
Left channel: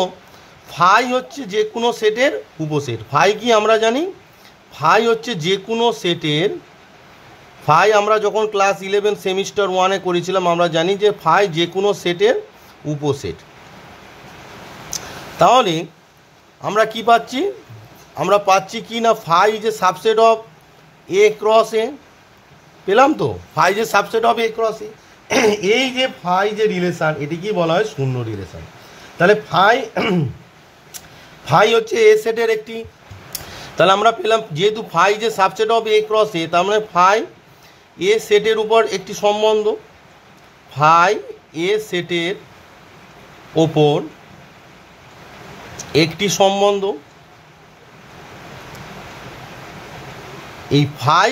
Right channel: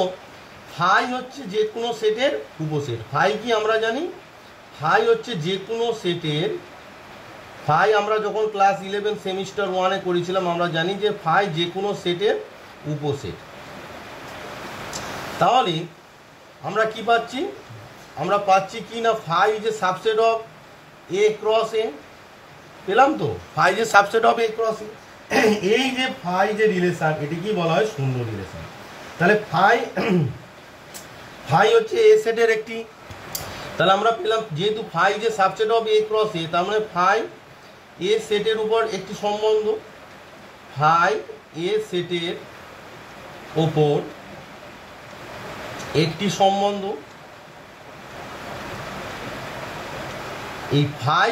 ফাই হচ্ছে যে কোনো সেটের উপসেট, ফাই কি আমরা জানি, ফাই হচ্ছে যে কোনো সেটের, ফাই আমরা যখন ক্লাস 11 সেমিস্টার 1-এ করেছিলাম আমরা জানি যে ফাই যে কোনো সেটের উপসেট। তাহলে আমরা কি পাচ্ছি, আমরা পাচ্ছি কি না, ফাই যে সাবসেট অফ এ ক্রস এ, পেলাম তো, ফাই যে সাবসেট অফ এ ক্রস এ। এই যে ফাই যে রিলেশন, এটি কি বলা হয়, শূন্য রিলেশন। তাহলে ফাই হচ্ছে এ সেটের একটি, তাহলে আমরা পেলাম যেহেতু ফাই যে subset of A cross A, তার মানে ফাই এ সেটের উপর একটি সম্বন্ধ, ফাই এ সেটের ওপর একটি সম্বন্ধ, এই ফাই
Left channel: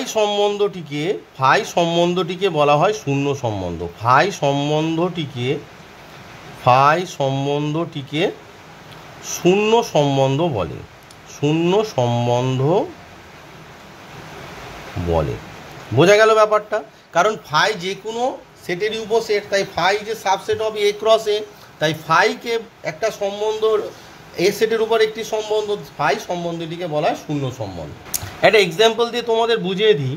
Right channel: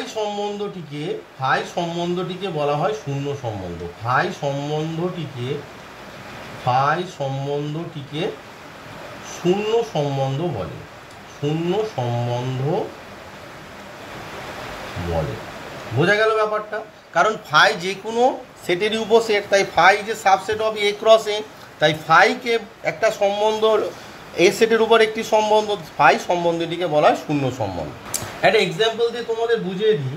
সম্বন্ধটিকে বলা হয় শূন্য সম্বন্ধ। ফাই সম্বন্ধটিকে শূন্য সম্বন্ধ বলে, বোঝা গেল ব্যাপারটা? কারণ ফাই যে কোনো সেটেরই উপসেট, তাই ফাই যে সাবসেট অফ এ ক্রস এ, তাই ফাইকে একটা সম্বন্ধ, এ সেটের উপর একটি সম্বন্ধ, ফাই সম্বন্ধটিকে বলা হয় শূন্য সম্বন্ধ। একটা এক্সাম্পল দিয়ে তোমাদের বুঝিয়ে দিই।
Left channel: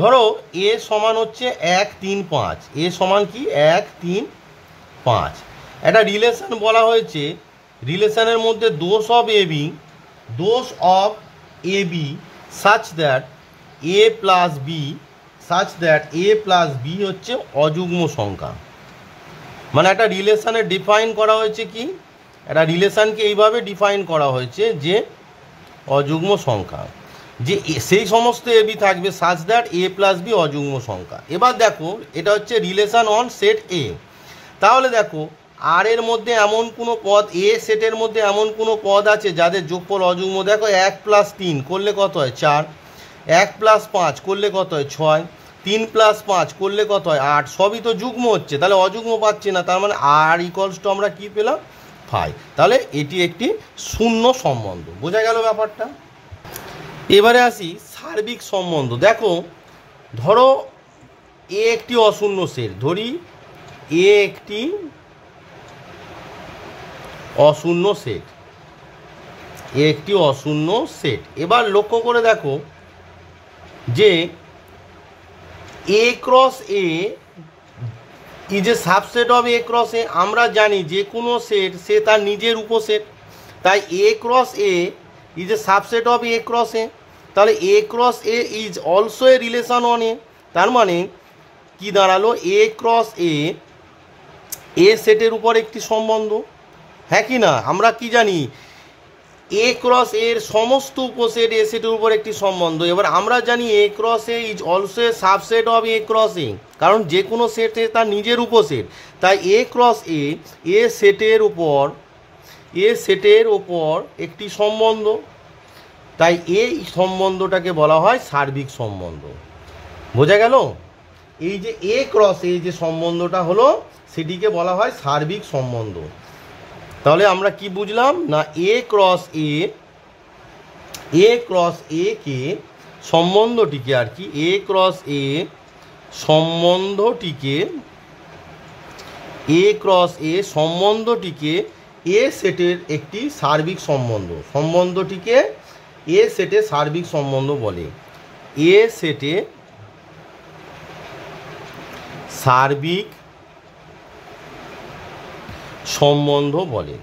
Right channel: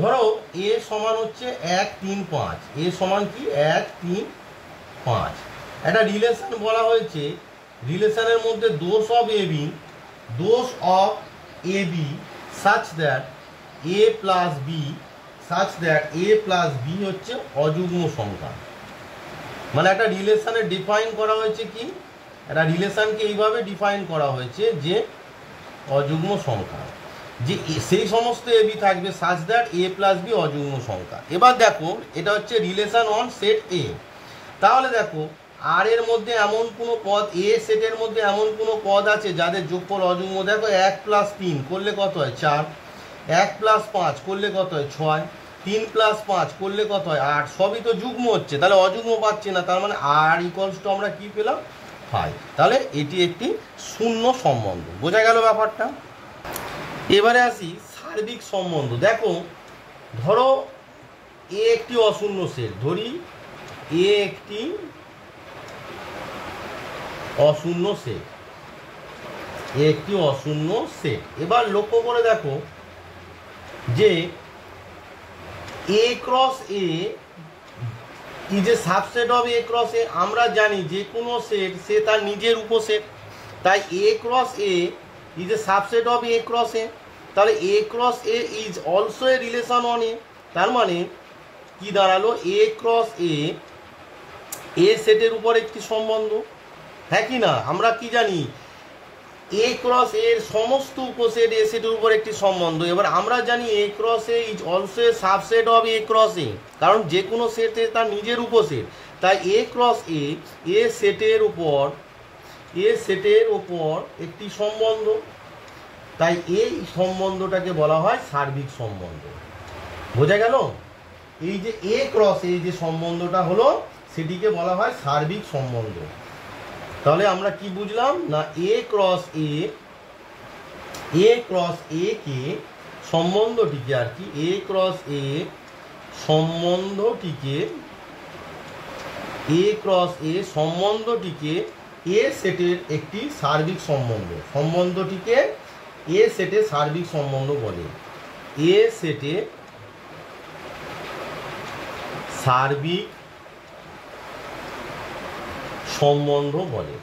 ধরো এ সমান হচ্ছে 1 3 5, এ সমান কি 1 3 5, একটা রিলেশন বলা হয়েছে, রিলেশনের মধ্যে those of A B such that A plus B হচ্ছে অযুগ্ম সংখ্যা। মানে একটা রিলেশনে ডিফাইন করা হয়েছে কি, একটা রিলেশনকে এইভাবে ডিফাইন করা হয়েছে যে অযুগ্ম সংখ্যা, যে সেই সমস্ত এ বি থাকবে such that A plus B অযুগ্ম সংখ্যা। এবার দেখো এটা হচ্ছে রিলেশন অন সেট এ। তাহলে দেখো আর এর মধ্যে এমন কোনো পদ, এ সেটের মধ্যে এমন কোনো পদ আছে যাদের যোগফল অযুগ্ম। দেখো 1 + 3 করলে কত হয় 4, 1 + 5 করলে কত হয় 6, 3 + 5 করলে কত হয় 8, সবই তো যুগ্ম হচ্ছে, তাহলে অযুগ্ম পাচ্ছি না, তার মানে আর ইকুয়ালস টু আমরা কি পেলাম ফাই। তাহলে এটি একটি শূন্য সম্বন্ধ। বোঝা গেল ব্যাপারটা? এবারে আসি সার্বিক সম্বন্ধ। দেখো ধরো এ একটি অশূন্য সেট, ধরি এ একটি অশূন্য সেট, এবার লক্ষ্য করে দেখো যে A cross A is a subset of A cross A. আমরা জানি যে কোনো সেট সে তার নিজের উপসেট, তাই A cross A is a subset of A cross A. তাহলে A cross A is also a relation on A. তার মানে কি দাঁড়ালো, এ ক্রস এ সেটের উপর একটি সম্বন্ধ, হ্যাঁ কি না? আমরা কি জানি, এ ক্রস এর সমস্ত উপসেট এ সেটের উপর একটি সম্বন্ধ। এবার আমরা জানি A cross A is also a subset of A cross A, কারণ যে কোনো সেটে তার নিজের উপসেট, তাই এ ক্রস এ সেটের উপর একটি সম্বন্ধ, তাই এই সম্বন্ধটাকে বলা হয় সার্বিক সম্বন্ধ। বোঝা গেল? এই যে এ ক্রস এ যে সম্বন্ধটা হলো সেটিকে বলা হয় সার্বিক সম্বন্ধ। তাহলে আমরা কি বুঝলাম না, এ ক্রস এ কে সম্বন্ধটিকে আর কি, এ ক্রস এ সম্বন্ধটিকে এ সেটের একটি সার্বিক সম্বন্ধটিকে এ সেটে সার্বিক সম্বন্ধ বলে। এ সেটে সার্বিক সম্বন্ধ বলে।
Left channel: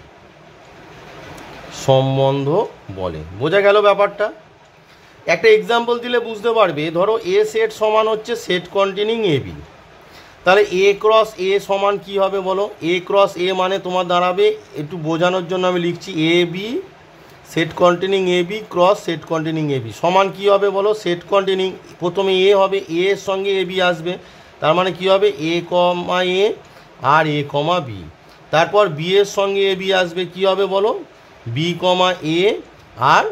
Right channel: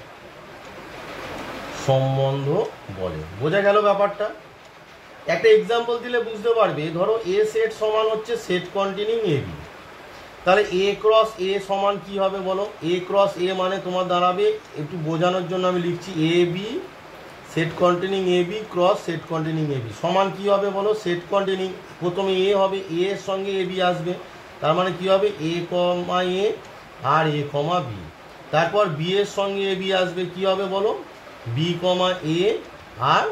বোঝা গেল ব্যাপারটা? একটা এক্সাম্পল দিলে বুঝতে পারবে। ধরো এ সেট সমান হচ্ছে সেট কন্টেনিং এ বি, তাহলে এ ক্রস এ সমান কি হবে বলো? এ ক্রস এ মানে তোমার দাঁড়াবে, একটু বোঝানোর জন্য আমি লিখছি, A B set containing a b cross set containing a B সমান কি হবে বলো? সেট কন্টেনিং, প্রথমে এ হবে, এ এর সঙ্গে এ বি আসবে, তার মানে কি হবে এ কমা এ আর এ কমা বি। তারপর বি এর সঙ্গে এ বি আসবে, কি হবে বলো? বি কমা এ আর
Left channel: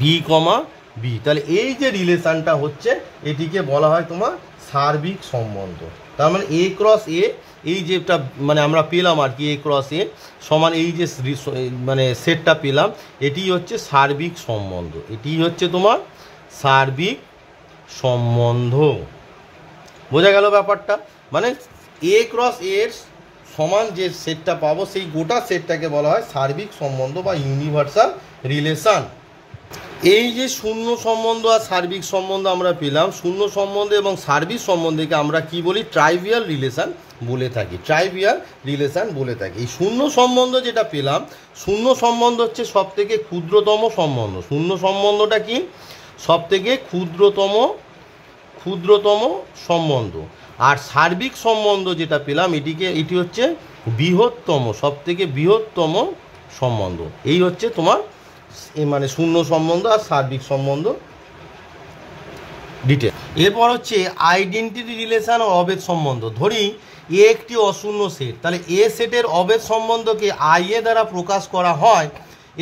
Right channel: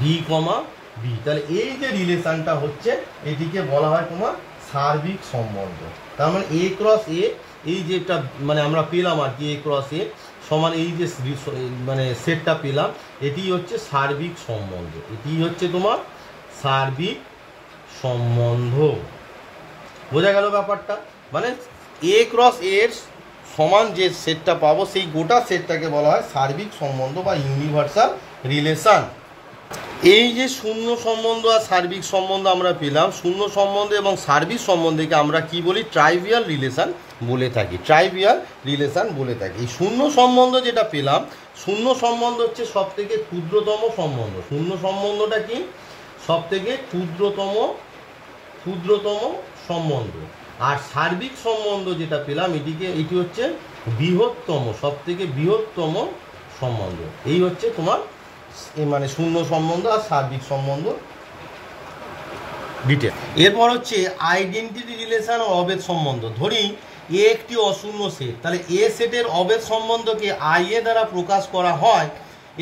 বি কমা বি। তাহলে এই যে রিলেশনটা হচ্ছে এটিকে বলা হয় তোমার সার্বিক সম্বন্ধ। তার মানে এ ক্রস এ, এই যেটা মানে আমরা পেলাম আর কি, এ ক্রস এ সমান এই যে মানে সেটটা পেলাম, এটি হচ্ছে সার্বিক সম্বন্ধ, এটি হচ্ছে তোমার সার্বিক সম্বন্ধ। বোঝা গেল ব্যাপারটা? মানে এ ক্রস এর সমান যে সেটটা পাবো সেই গোটা সেটটাকে বলা হয় সার্বিক সম্বন্ধ বা ইউনিভার্সাল রিলেশন। এই যে শূন্য সম্বন্ধ আর সার্বিক সম্বন্ধ আমরা পেলাম, শূন্য সম্বন্ধ এবং সার্বিক সম্বন্ধকে আমরা কি বলি? ট্রাইভিয়াল রিলেশন বলে থাকি, এই শূন্য সম্বন্ধ যেটা পেলাম, শূন্য সম্বন্ধ হচ্ছে সব থেকে ক্ষুদ্রতম সম্বন্ধ। শূন্য সম্বন্ধটা কি? সব থেকে ক্ষুদ্রতম সম্বন্ধ। আর সার্বিক সম্বন্ধ যেটা পেলাম এটি হচ্ছে বৃহত্তম, সব থেকে বৃহত্তম সম্বন্ধ। এই হচ্ছে তোমার মানে শূন্য সম্বন্ধ আর সার্বিক সম্বন্ধ ডিটেল। এরপর হচ্ছে আইডেন্টিটি রিলেশন ও অবেদ সম্বন্ধ। ধরি এ একটি অশূন্য সেট, তাহলে এ সেটের অবেদ সম্বন্ধকে আই এ দ্বারা প্রকাশ করা হয়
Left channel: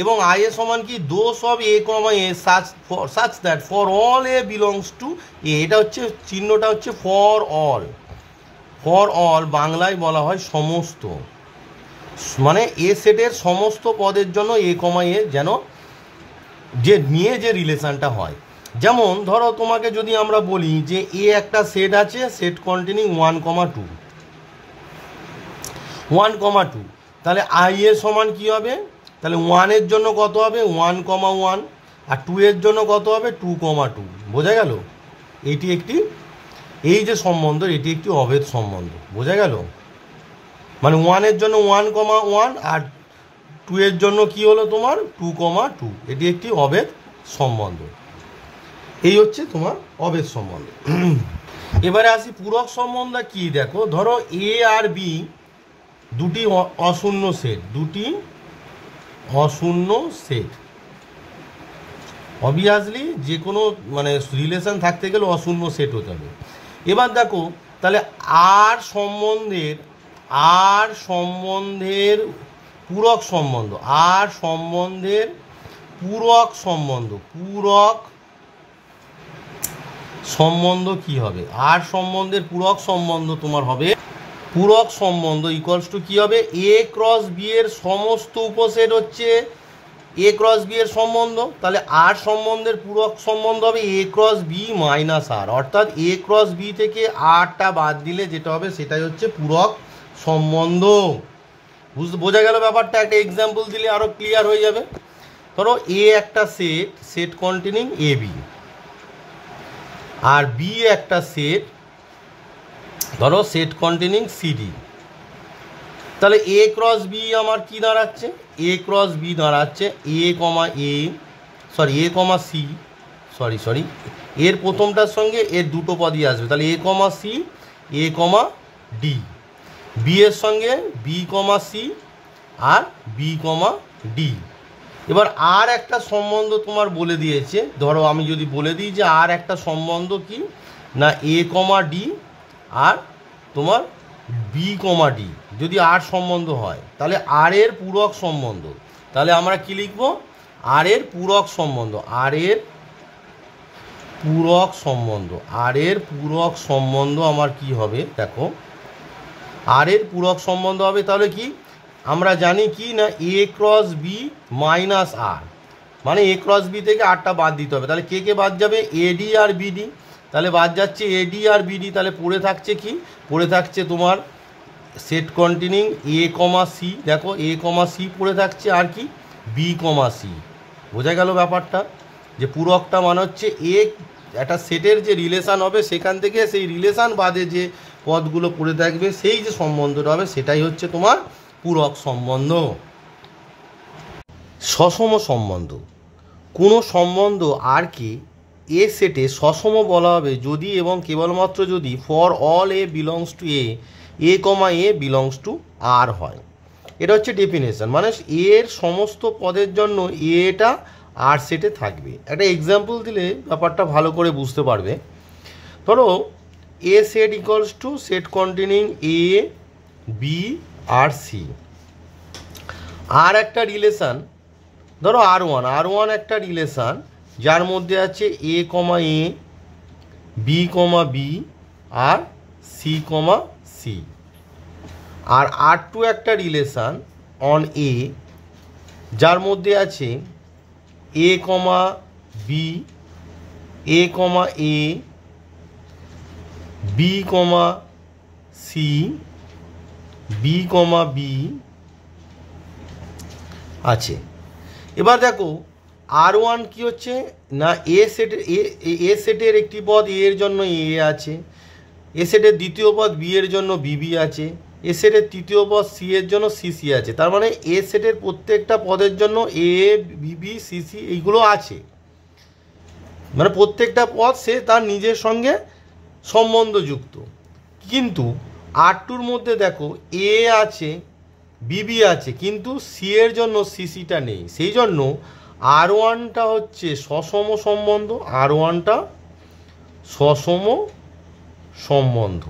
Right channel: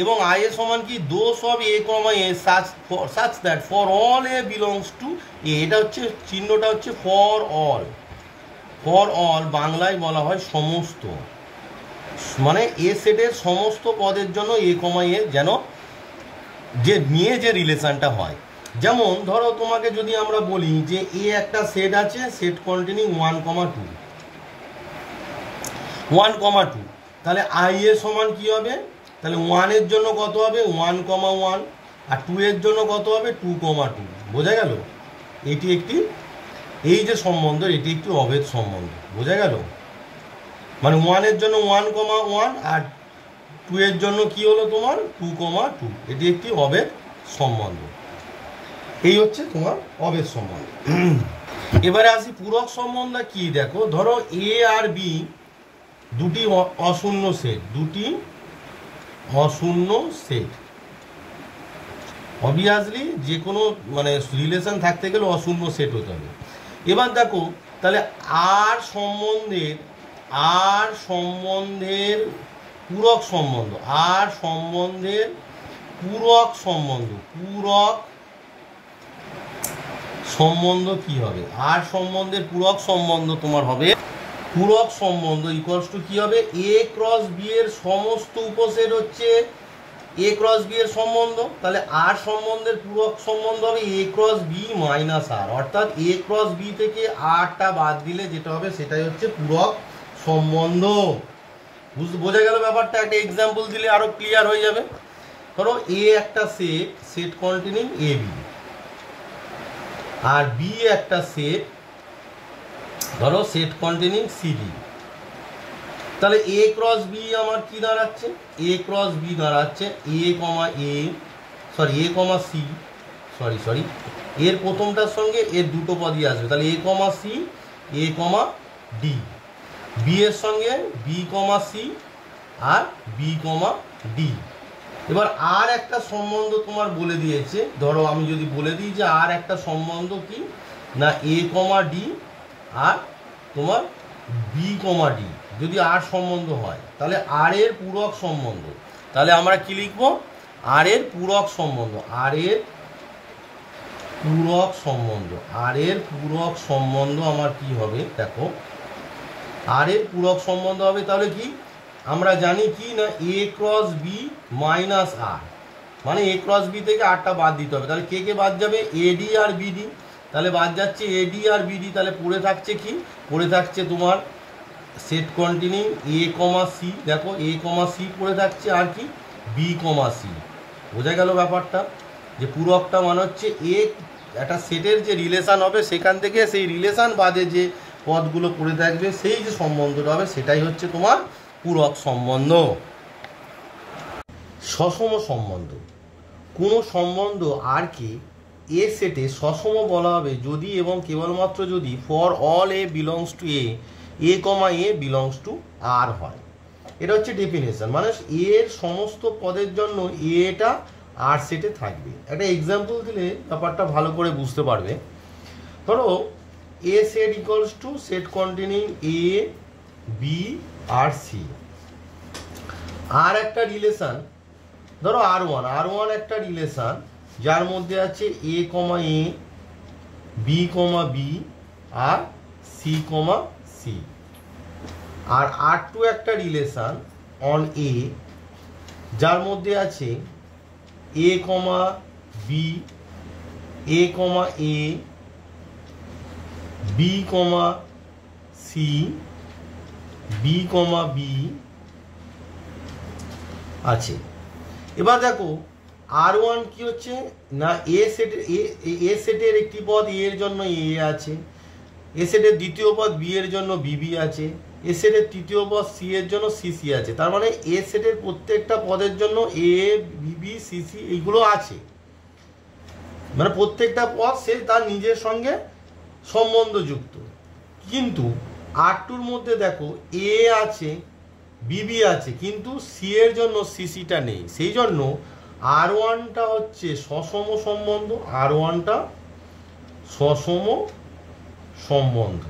এবং আই এ সমান কি those of a comma a such that for all a belongs to A. এটা হচ্ছে চিহ্নটা হচ্ছে ফর অল। ফর অল বাংলায় বলা হয় সমস্ত, মানে এ সেটের সমস্ত পদের জন্য এ কমা এ যেন যে নিয়ে যে রিলেশনটা হয়। যেমন ধরো তোমাকে যদি আমরা বলি যে এ একটা সেট আছে, সেট কন্টেনিং 1,2, 1,2, তাহলে আই এর সমান কি হবে, তাহলে 1 এর জন্য কত হবে 1,1 আর 2 এর জন্য কত হবে 2,2। বোঝা গেল? এটি একটি, এই যে সম্বন্ধ এটি একটি অভেদ সম্বন্ধ। বোঝা গেল? মানে 1 এর জন্য 1,1 আর 2 এর জন্য কি হলো তোমার 2,2। এটি একটি অভেদ সম্বন্ধ। এই হচ্ছে তোমার অভেদ সম্বন্ধ। এবারে আসি পূরক সম্বন্ধ কি, দেখো ধরো এ আর বি দুটি অশূন্য সেট, দুটি অশূন্য সেট। অবভিয়াসলি যে কোনো মানে রিলেশন থাকতে গেলে অশূন্য সেট হতে হবে। এবার দেখো তাহলে আর সম্বন্ধের পূরক সম্বন্ধ, আর সম্বন্ধের পূরক সম্বন্ধ কি হবে? আর সম্বন্ধের পূরক সম্বন্ধ তোমার হবে, পূরক সম্বন্ধ ইকুয়ালস টু কি হবে, এ ক্রস বি এর সমস্ত উপসেট হচ্ছে এ ক্রস বি এর সম্বন্ধ। তাহলে আর সম্বন্ধের পূরক সম্বন্ধ হবে এ ক্রস বি মাইনাস আর, অর্থাৎ এ ক্রস বি থেকে আরটা বাদ দিলে যেটা হবে সেটাই হচ্ছে পূরক সম্বন্ধ। বোঝা গেল ব্যাপারটা? একটা এক্সাম্পল দিলে আরো ক্লিয়ার হয়ে যাবে। ধরো এ একটা set containing a b, R B একটা সেট, ধরো সেট কন্টেনিং সিডি। তাহলে এ ক্রস বি আমার কি দাঁড়াচ্ছে, এ ক্রস বি দাঁড়াচ্ছে এ কমা সি, সরি এর প্রথমটার সঙ্গে এর দুটো পদই আসবে, তাহলে এ কমা সি, এ কমা ডি। বি এর সঙ্গে বি কমা সি আর বি কমা ডি। এবার আর একটা সম্বন্ধ তোমার বলে দিয়েছে, ধরো আমি যদি বলে দিই যে আর একটা সম্বন্ধ কি না এ কমা ডি আর তোমার বি কমা ডি যদি আর সম্বন্ধ হয়, তাহলে আর এর পূরক সম্বন্ধ, তাহলে আমরা কি লিখবো, আর এর পূরক সম্বন্ধ, আর এর পূরক সম্বন্ধ আমার কি হবে, দেখো আর এর পূরক সম্বন্ধ হবে তাহলে কি আমরা জানি কি না এ ক্রস বি মাইনাস আর, মানে এ ক্রস বি থেকে আরটা বাদ দিতে হবে। তাহলে কে কে বাদ যাবে, এডি আর বিডি, তাহলে বাদ যাচ্ছে এডি আর বিডি। তাহলে পড়ে থাকছে কি, পড়ে থাকছে তোমার সেট কন্টেনিং এ কমা সি, দেখো এ কমা সি পড়ে থাকছে, আর কি বি কমা সি। বোঝা গেল ব্যাপারটা? যে পূরকটা মানে হচ্ছে একটা সেটের যে রিলেশান হবে সেখান থেকে সেই রিলেশান বাদে যে পদগুলো পড়ে থাকবে সেই যে সম্বন্ধটা হবে সেটাই হচ্ছে তোমার পূরক সম্বন্ধ। সসম সম্বন্ধ, কোনো সম্বন্ধ আর কি এ সেটে সসম বলা হবে যদি এবং কেবলমাত্র যদি for all a belongs to A comma a belongs to R হয়। এটা হচ্ছে ডেফিনেশন, মানে এর সমস্ত পদের জন্য এটা আর সেটে থাকবে। একটা এক্সাম্পল দিলে ব্যাপারটা ভালো করে বুঝতে পারবে। ধরো A set equals to set containing a b আর সি। আর একটা রিলেশান ধরো আর ওয়ান একটা রিলেশান যার মধ্যে আছে এ কমা এ, বি কমা বি আর সি কমা সি। আর আর টু একটা রিলেশান অন এ যার মধ্যে আছে এ কমা বি, এ কমা এ, B comma C, B comma B আছে। এবার দেখো আর ওয়ান কি হচ্ছে না এ সেটের একটি পদ এ এর জন্য এ আছে, এ সেটের দ্বিতীয় পদ বি এর জন্য বিবি আছে, এ সেটের তৃতীয় পদ সি এর জন্য সিসি আছে। তার মানে এ সেটের প্রত্যেকটা পদের জন্য এ বিবি সিসি এইগুলো আছে, মানে প্রত্যেকটা পদ সে তার নিজের সঙ্গে সম্বন্ধযুক্ত। কিন্তু আর টুর মধ্যে দেখো এ আছে, বিবি আছে, কিন্তু সি এর জন্য সিসিটা নেই। সেই জন্য আর ওয়ানটা হচ্ছে সসম সম্বন্ধ, আর ওয়ানটা সসম সম্বন্ধ।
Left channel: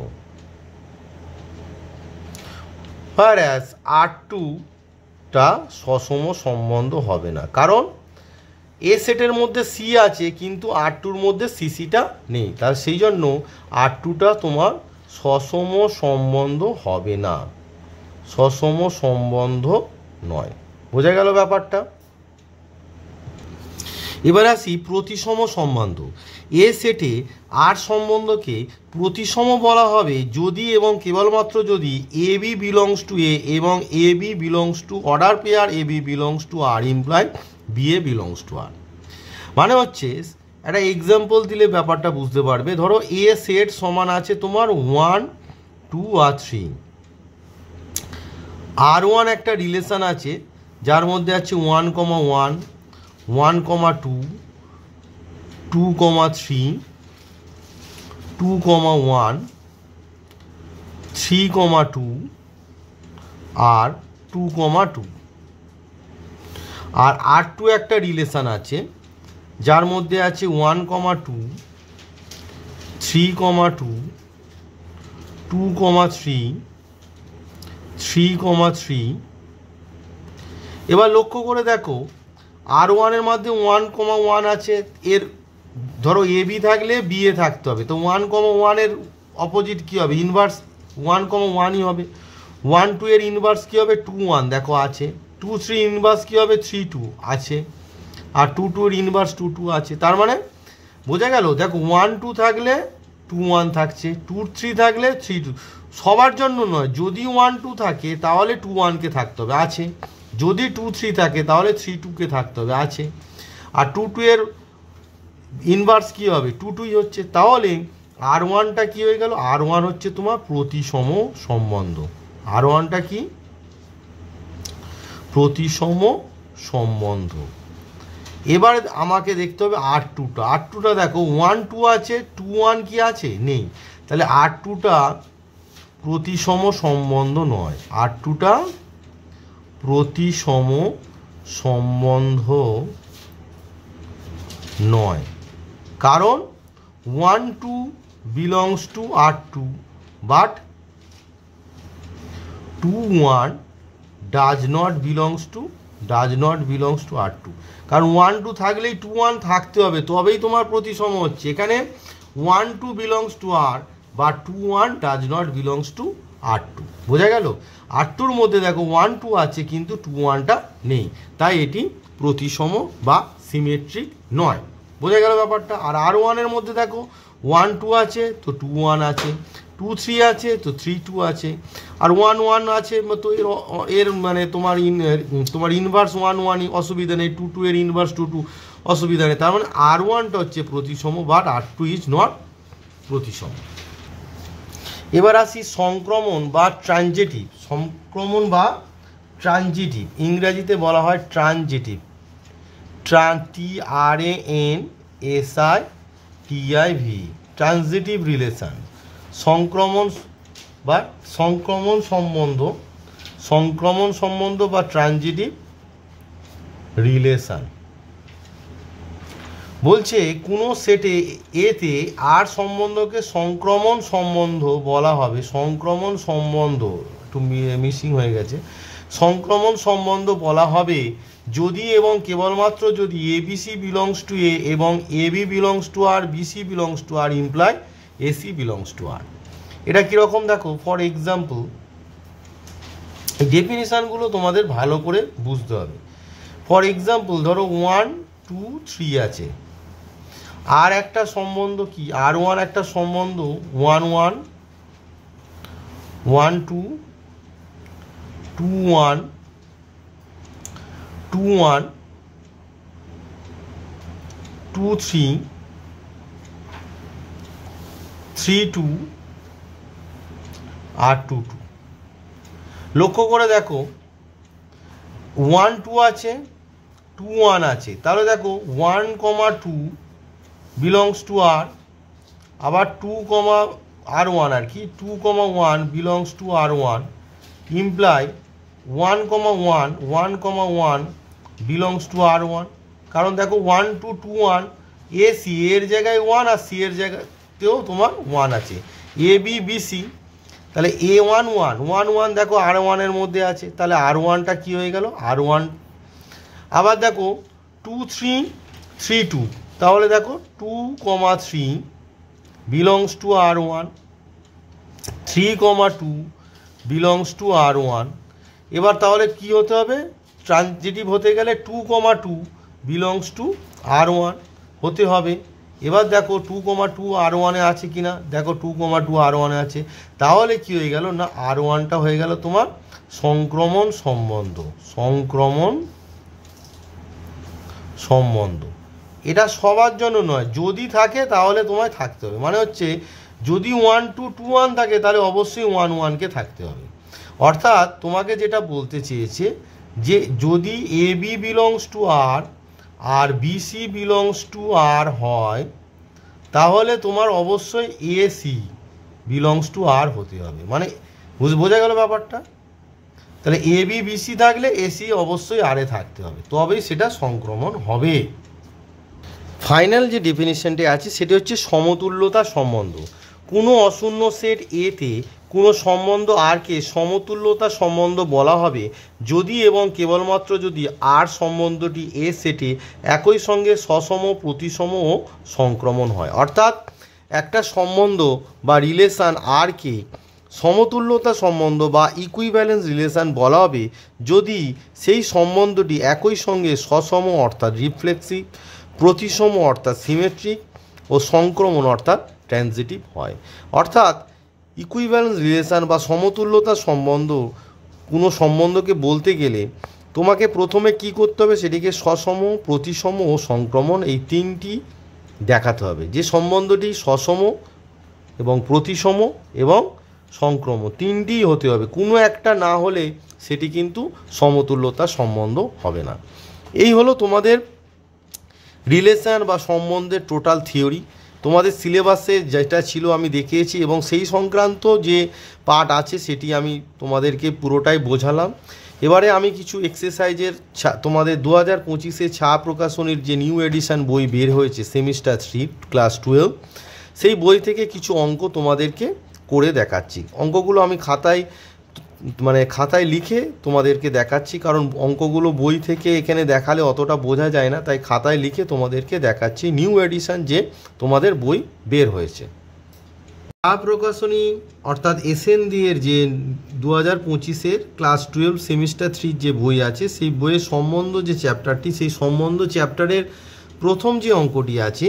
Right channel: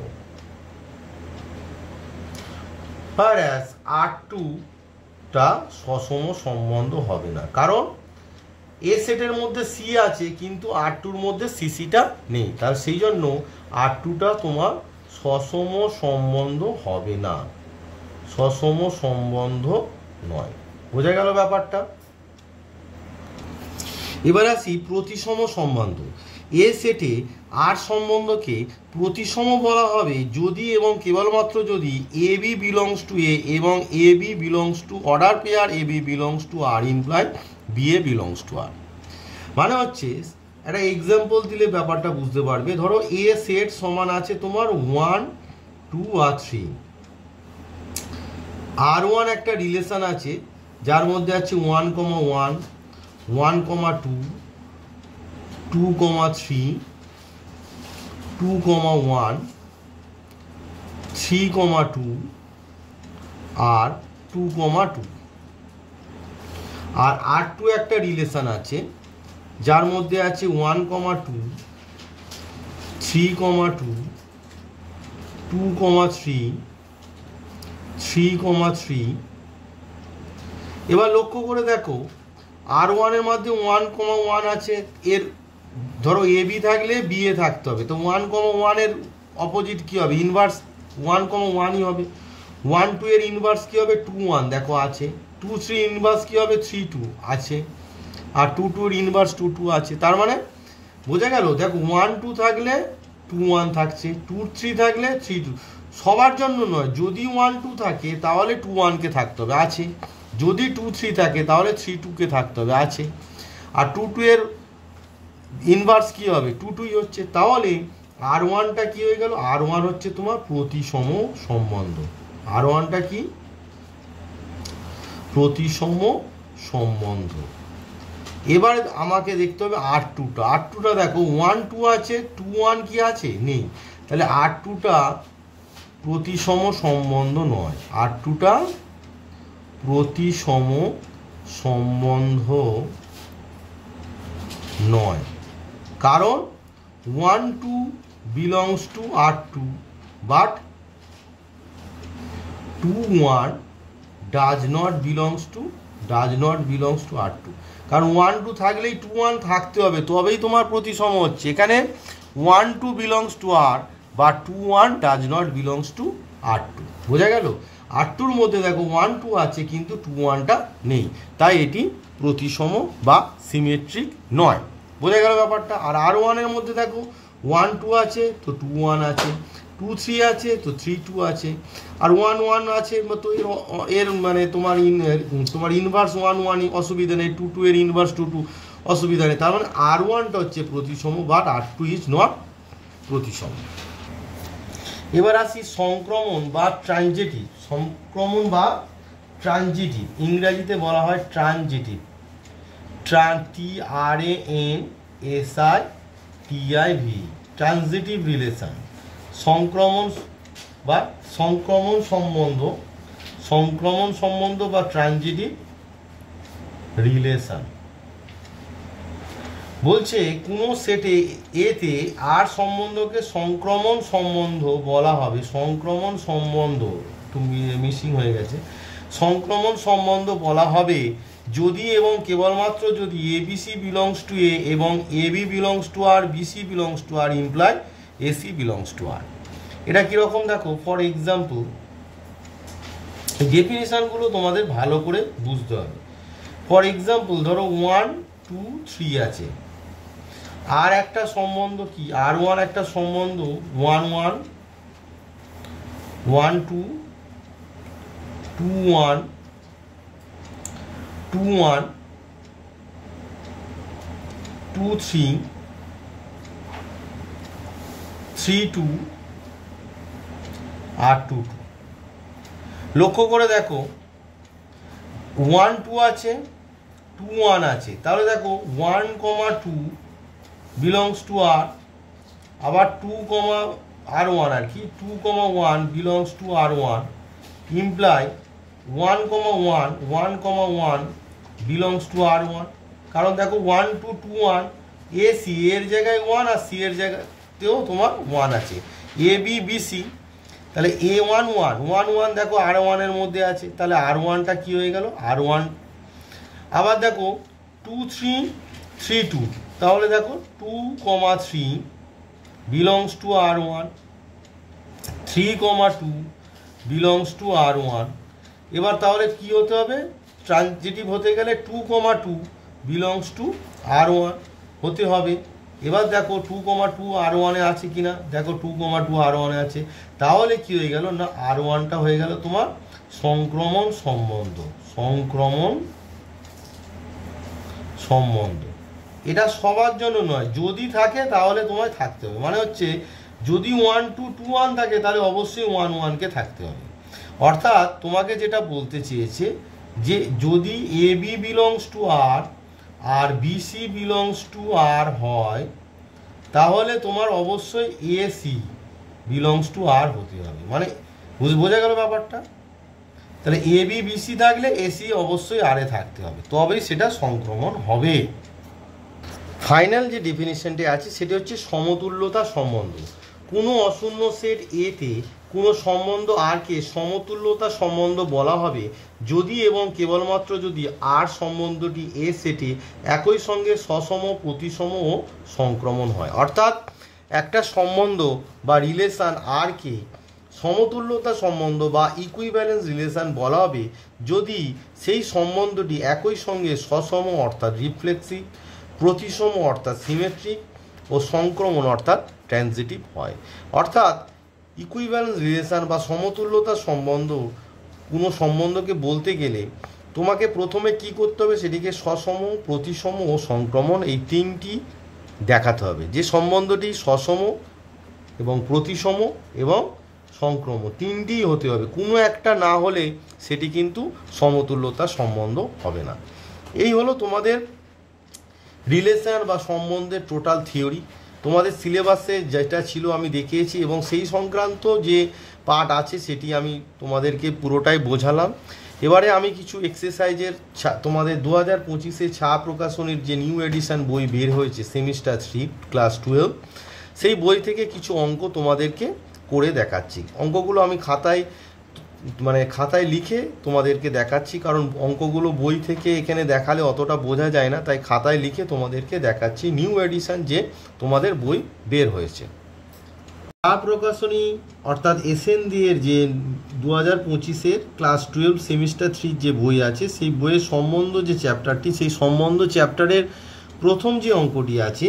whereas R2টা সসম সম্বন্ধ হবে না, কারণ এ সেটের মধ্যে সি আছে কিন্তু R2-র মধ্যে সিসিটা নেই, তার সেই জন্য R2টা তোমার সসম সম্বন্ধ হবে না, সসম সম্বন্ধ নয়। বোঝা গেল ব্যাপারটা? এবার আসি প্রতিসম সম্বন্ধ। এ সেটে আর সম্বন্ধকে প্রতিসম বলা হবে যদি এবং কেবলমাত্র যদি a B belongs to A এবং A B belongs to order pair a B belongs to R imply b a belongs to R. মানে হচ্ছে একটা এক্সাম্পল দিলে ব্যাপারটা বুঝতে পারবে। ধরো এ সেট সমান আছে তোমার 1, 2 আর 3। R1 একটা রিলেশন আছে যার মধ্যে আছে 1,1, 1,2, 2,3, 2,1, 3,2 আর 2,2। আর R2 একটা রিলেশন আছে যার মধ্যে আছে 1,2, 3,2, 2,3, 3,3। এবার লক্ষ্য করে দেখো R1 এর মধ্যে 1,1 আছে, এর ধরো এ বি থাকলে বি এ থাকতে হবে, তো 1,1 এর অপোজিট কী হবে? ইনভার্স 1,1ই হবে। 1, 2 এর ইনভার্স কী হবে? 2, 1 দেখো আছে। 2, 3 ইনভার্স কী হবে? 3, 2 আছে। আর 2, 2 এর ইনভার্স 2, 2 আছে। তার মানে বোঝা গেল? দেখো 1, 2 থাকলে 2, 1 থাকছে, 2, 3 থাকলে 3, 2। সবার জন্য নয়, যদি 1, 2 থাকে তাহলে 2, 1কে থাকতে হবে, আছে। যদি 2, 3 থাকে তাহলে 3, 2কে থাকতে হবে, আছে। আর 2, 2 এর ইনভার্স কী হবে? 2, 2ই হচ্ছে। তাহলে R1টা কী হয়ে গেল? R1 হচ্ছে তোমার প্রতিসম সম্বন্ধ। R1টা কি? প্রতিসম সম্বন্ধ। এবার আমাকে দেখতে হবে R2টা। R2টা দেখো 1, 2 আছে, 2, 1 কি আছে? নেই। তাহলে R2টা প্রতিসম সম্বন্ধ নয়। R2টা প্রতিসম সম্বন্ধ নয়, কারণ 1, 2 belongs to R2 but 2, 1 does not belongs to R2। কারণ 1, 2 থাকলেই 2, 1 থাকতে হবে, তবেই তোমার প্রতিসম হচ্ছে। এখানে 1, 2 বিলংস টু আর বা 2, 1 does not belongs to R2। বোঝা গেল? R2-র মধ্যে দেখো 1, 2 আছে কিন্তু 2, 1টা নেই, তাই এটি প্রতিসম বা সিমেট্রিক নয়। বোঝা গেল ব্যাপারটা? আর R1 এর মধ্যে দেখো 1, 2 আছে তো 2, 1 আছে, 2, 3 আছে তো 3, 2 আছে, আর 1, 1 আছে তো এর মানে তোমার ইনভার্স 1, 1ই অসুবিধা নেই, 2, 2 এর ইনভার্স 2, 2 অসুবিধা নেই। তার মানে R1টা হচ্ছে প্রতিসম বাট R2 ইজ নট প্রতিসম। এবার আসি সংক্রমণ বা ট্রানজিটিভ। সংক্রমণ বা ট্রানজিটিভ ইংরেজিতে বলা হয় ট্রানজিটিভ, TRANSITIV, ট্রানজিটিভ রিলেশন। সংক্রমণ বা সংক্রমণ সম্বন্ধ বা ট্রানজিটিভ রিলেশন। বলছে কোনো সেটে এতে আর সম্বন্ধকে সংক্রমণ সম্বন্ধ বলা হবে। সংক্রমণ সম্বন্ধ একটু মিসিং হয়ে গেছে। সংক্রমণ সম্বন্ধ বলা হবে যদি এবং কেবলমাত্র যদি ABC বিলংস টু এ এবং AB belongs to R, BC belongs to R imply AC belongs to R. এটা কীরকম দেখো, ফর এক্সাম্পল এই ডেফিনিশানগুলো তোমাদের ভালো করে বুঝতে হবে। ফর এক্সাম্পল ধরো 1, 2, 3 আছে, আর একটা সম্বন্ধ কি? R1 একটা সম্বন্ধ 1, 1, 1, 2, 2, 1, 2, 1, 2, 3, 3, 2 আর 2, 2। লক্ষ্য করে দেখো 1, 2 আছে, 2, 1 আছে, তাহলে দেখো 1, 2 বিলংস টু আর, আবার 2, R1 আর কি 2, 1 belongs to R1 imply 1, 1 belongs to R1। কারণ দেখো 1, 2, 2, 1 AC এর জায়গায় 1 আর সি এর জায়গাতেও তোমার 1 আছে। AB BC তাহলে A11 দেখো R1-এর মধ্যে আছে, তাহলে R1টা কী হয়ে গেল R1। আবার দেখো 2 3 3 2, তাহলে দেখো 2, 3 belongs to R1, 3, 2 belongs to R1। এবার তাহলে কি হতে হবে, ট্রানজিটিভ হতে গেলে 2, 2 বিলংস টু R1 হতে হবে। এবার দেখো 2, 2 R1-এ আছে কিনা, দেখো 2, 2 R1-এ আছে, তাহলে কি হয়ে গেল না R1টা হয়ে গেল তোমার সংক্রমণ সম্বন্ধ। এটা সবার জন্য নয়, যদি থাকে তাহলে তোমায় থাকতে হবে, মানে হচ্ছে যদি 1 2 2 1 থাকে তাহলে অবশ্যই 1 1-কে থাকতে হবে। অর্থাৎ তোমাকে যেটা বলতে চেয়েছে যে যদি AB বিলংস টু R আর BC বিলংস টু R হয়, তাহলে তোমার অবশ্যই AC বিলংস টু R হতে হবে। মানে বোঝা গেল ব্যাপারটা? তাহলে AB BC থাকলে AC অবশ্যই R-এ থাকতে হবে, তবেই সেটা সংক্রমণ হবে। ফাইনাল যে ডেফিনিশনটি আছে সেটি হচ্ছে সমতুল্যতা সম্বন্ধ। কোনো অশূন্য সেট এতে কোনো সম্বন্ধ আরকে সমতুল্যতা সম্বন্ধ বলা হবে যদি এবং কেবলমাত্র যদি আর সম্বন্ধটি এ সেটে একই সঙ্গে সসম, প্রতিসম ও সংক্রমণ হয়। অর্থাৎ একটা সম্বন্ধ বা রিলেশান আরকে সমতুল্যতা সম্বন্ধ বা ইকুইভ্যালেন্স রিলেশান বলা হবে যদি সেই সম্বন্ধটি একই সঙ্গে সসম অর্থাৎ রিফ্লেক্সিভ, প্রতিসম অর্থাৎ সিমেট্রিক ও সংক্রমণ অর্থাৎ ট্রানজিটিভ হয়। অর্থাৎ ইকুইভ্যালেন্স রিলেশান বা সমতুল্যতা সম্বন্ধ কোনো সম্বন্ধকে বলতে গেলে তোমাকে প্রথমে কি করতে হবে, সেটিকে সসম, প্রতিসম ও সংক্রমণ এই তিনটি দেখাতে হবে। যে সম্বন্ধটি সসম এবং প্রতিসম এবং সংক্রমণ তিনটিই হতে হবে, কোনো একটা না হলে সেটি কিন্তু সমতুল্যতা সম্বন্ধ হবে না। এই হলো তোমাদের রিলেশান বা সম্বন্ধের টোটাল থিওরি। তোমাদের সিলেবাসে যেটা ছিল আমি দেখিয়েছি এবং সেই সংক্রান্ত যে পার্ট আছে সেটি আমি তোমাদেরকে পুরোটাই বোঝালাম। এবারে আমি কিছু এক্সারসাইজের তোমাদের 2025-এ ছায়া প্রকাশনীর যে নিউ এডিশন বই বের হয়েছে সেমিস্টার 3 ক্লাস 12, সেই বই থেকে কিছু অঙ্ক তোমাদেরকে করে দেখাচ্ছি। অঙ্কগুলো আমি খাতায় লিখে তোমাদেরকে দেখাচ্ছি, কারণ অঙ্কগুলো বই থেকে এখানে দেখালে অতটা বোঝা যায় না, তাই খাতায় লিখে তোমাদেরকে দেখাচ্ছি নিউ এডিশন যে তোমাদের বই বের হয়েছে। ছায়া প্রকাশনী অর্থাৎ SND এর যে 2025-এর ক্লাস 12 সেমিস্টার 3 যে বই আছে সেই বইয়ের সম্বন্ধ যে চ্যাপ্টারটি, সেই সম্বন্ধ চ্যাপ্টারের প্রথম যে অঙ্কটি আছে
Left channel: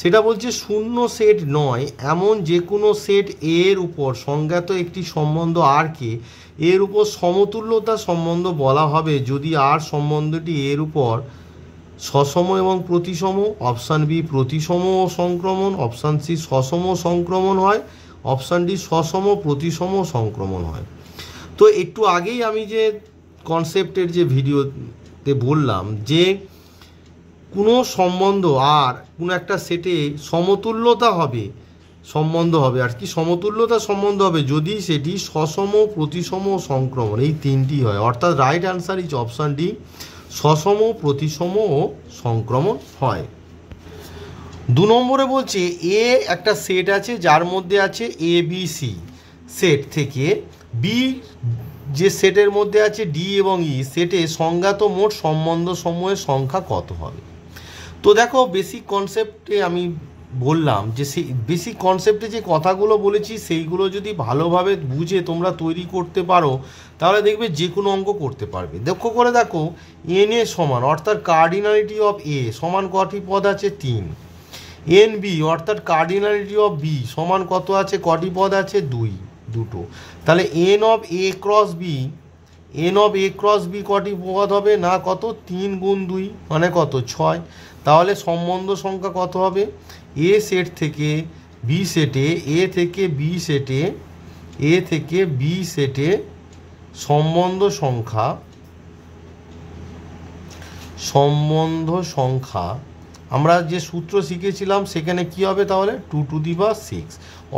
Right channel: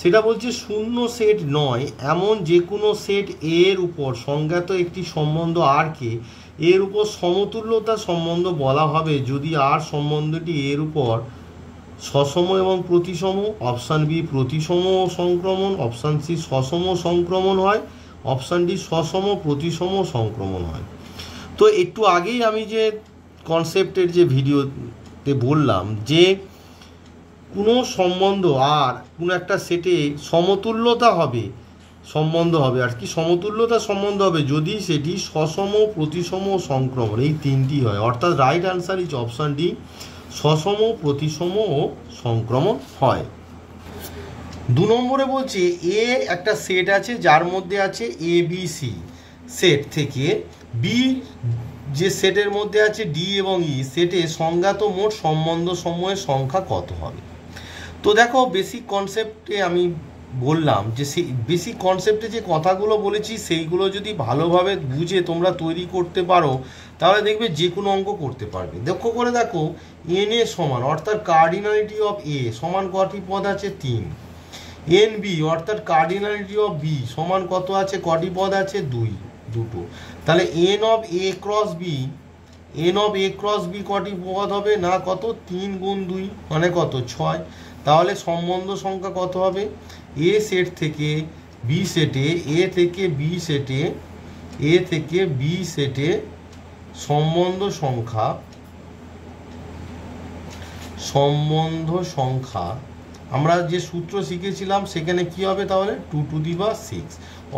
সেটা বলছে শূন্য সেট নয় এমন যে কোনো সেট এর উপর সংজ্ঞাত একটি সম্বন্ধ আরকে এর উপর সমতুল্যতা সম্বন্ধ বলা হবে যদি আর সম্বন্ধটি এর উপর সসম এবং প্রতিসম, অপশান বি প্রতিসম ও সংক্রমণ, অপশান সি সসম সংক্রমণ হয়, অপশান ডি সসম প্রতিসম সংক্রমণ হয়। তো একটু আগেই আমি যে কনসেপ্টের যে ভিডিওতে বললাম যে কোনো সম্বন্ধ আর কোনো একটা সেটে সমতুল্যতা হবে সম্বন্ধ হবে আর কি সমতুল্যতা সম্বন্ধ হবে যদি সেটি সসম, প্রতিসম ও সংক্রমণ এই তিনটি হয়। অর্থাৎ right answer is option D, সসম, প্রতিসম ও সংক্রমণ হয়। 2 নম্বরে বলছে এ একটা সেট আছে যার মধ্যে আছে ABC সেট থেকে বি যে সেটের মধ্যে আছে ডি এবং ই সেটে সংজ্ঞাত মোট সম্বন্ধ সমূহের সংখ্যা কত হবে। তো দেখো বেসিক কনসেপ্টে আমি বললাম যে সেই বেসিক কনসেপ্টে যে কথাগুলো বলেছি সেইগুলো যদি ভালোভাবে বুঝে তোমরা তৈরি করতে পারো তাহলে দেখবে যে কোনো অঙ্ক করতে পারবে। লক্ষ্য করে দেখো এন এ সমান অর্থাৎ কার্ডিনালিটি অফ এ সমান কটি পদ আছে 3, এন বি অর্থাৎ কার্ডিনালিটি অফ বি সমান কত আছে কটি পদ আছে দুটো। তাহলে n of A cross B কটি পদ হবে না কত 3 গুণ 2 মানে কত 6। তাহলে সম্বন্ধ সংখ্যা কত হবে এ সেট থেকে বি সেটে এ থেকে বি সেটে সম্বন্ধ সংখ্যা আমরা যে সূত্র শিখেছিলাম সেখানে কি হবে তাহলে 2 to the power 6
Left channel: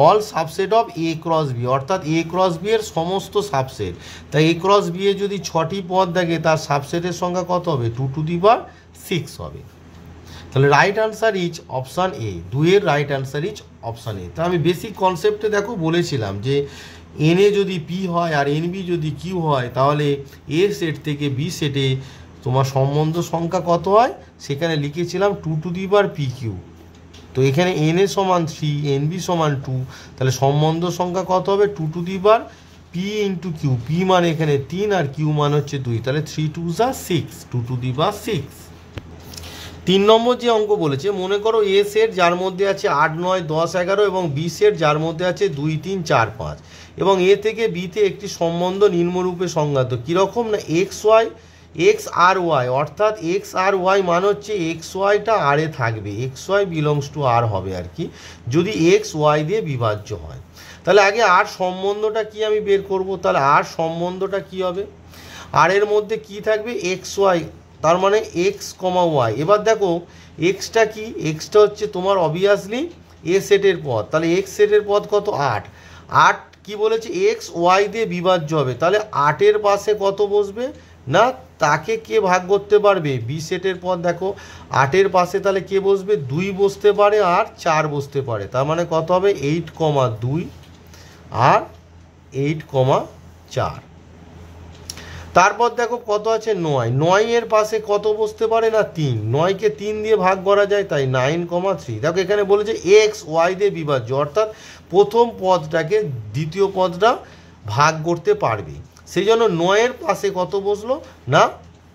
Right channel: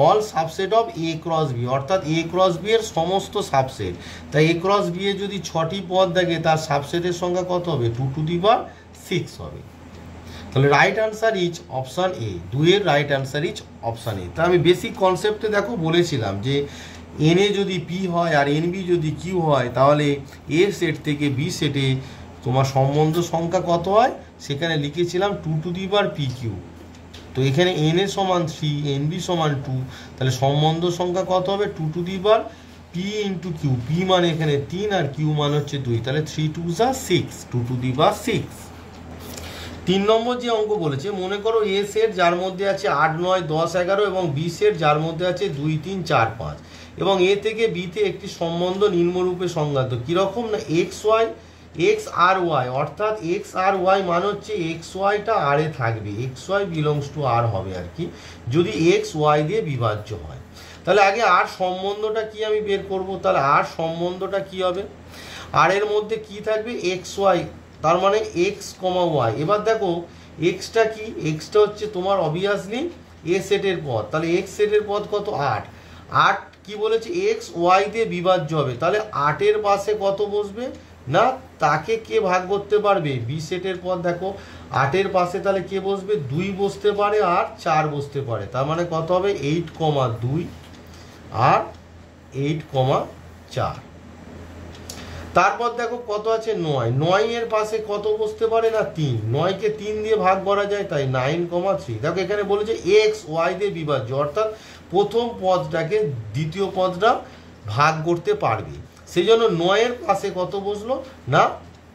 all subset of A cross B অর্থাৎ এ ক্রস বি এর সমস্ত সাবসেট। তাই এ ক্রস বি এ যদি 6টি পদ থাকে তার সাবসেটের সংখ্যা কত হবে 2 টু দি পাওয়ার 6 হবে। তাহলে right answer is option A, 2 এর right answer is option A. তা আমি বেসিক কনসেপ্টে দেখো বলেছিলাম যে এনএ যদি পি হয় আর এনবি যদি কিউ হয়, তাহলে এ সেট থেকে বি সেটে তোমার সম্বন্ধ সংখ্যা কত হয়, সেখানে লিখেছিলাম 2 পি কিউ। তো এখানে এনএ সমান 3, এনবি সমান 2, তাহলে সম্বন্ধ সংখ্যা কত হবে 2 পি ইন্টু কিউ। পি মানে এখানে 3 আর কিউ মানে হচ্ছে 2, তাহলে 3 2 6, 2 3 নম্বর যে অঙ্ক বলেছে, মনে করো এ সেট যার মধ্যে আছে 8 9 10 11 এবং বি সেট যার মধ্যে আছে 2 3 4 5, এবং এ থেকে বিতে একটি সম্বন্ধ নিম্নরূপে সংজ্ঞাত। কীরকম না, এক্স আর ওয়াই, অর্থাৎ এক্স আর ওয়াই মানে হচ্ছে এক্স ওয়াইটা আর এ থাকবে, এক্স ওয়াই বিলংস টু আর হবে আর কি, যদি এক্স ওয়াই দিয়ে বিভাজ্য হয়। তাহলে আগে আর সম্বন্ধটা কি আমি বের করব। তাহলে আর সম্বন্ধটা কি হবে, আর এর মধ্যে কি থাকবে এক্স ওয়াই, তার মানে এক্স কমা ওয়াই। এবার দেখো এক্সটা কি, এক্সটা হচ্ছে তোমার অবভিয়াসলি এ সেটের পদ, তাহলে এক্স সেটের পদ কত 8, 8 কি বলেছে এক্স ওয়াই দিয়ে বিভাজ্য হবে, তাহলে 8-এর পাশে কত বসবে না, তাকে কে ভাগ করতে পারবে, বি সেটের পদ দেখো 8-এর পাশে তাহলে কে বসবে 2 বসতে পারে আর 4 বসতে পারে, তার মানে কত হবে 8,2 আর 8,4। তারপর দেখো কত আছে 9, 9-এর পাশে কত বসতে পারে না 3, 9কে 3 দিয়ে ভাগ করা যায়, তাই 9,3। দেখো এখানে বলেছে এক্স ওয়াই দিয়ে বিভাজ্য, অর্থাৎ প্রথম পদটাকে দ্বিতীয় পদটা ভাগ করতে পারবে, সেই জন্য 9-এর পাশে কত বসলো না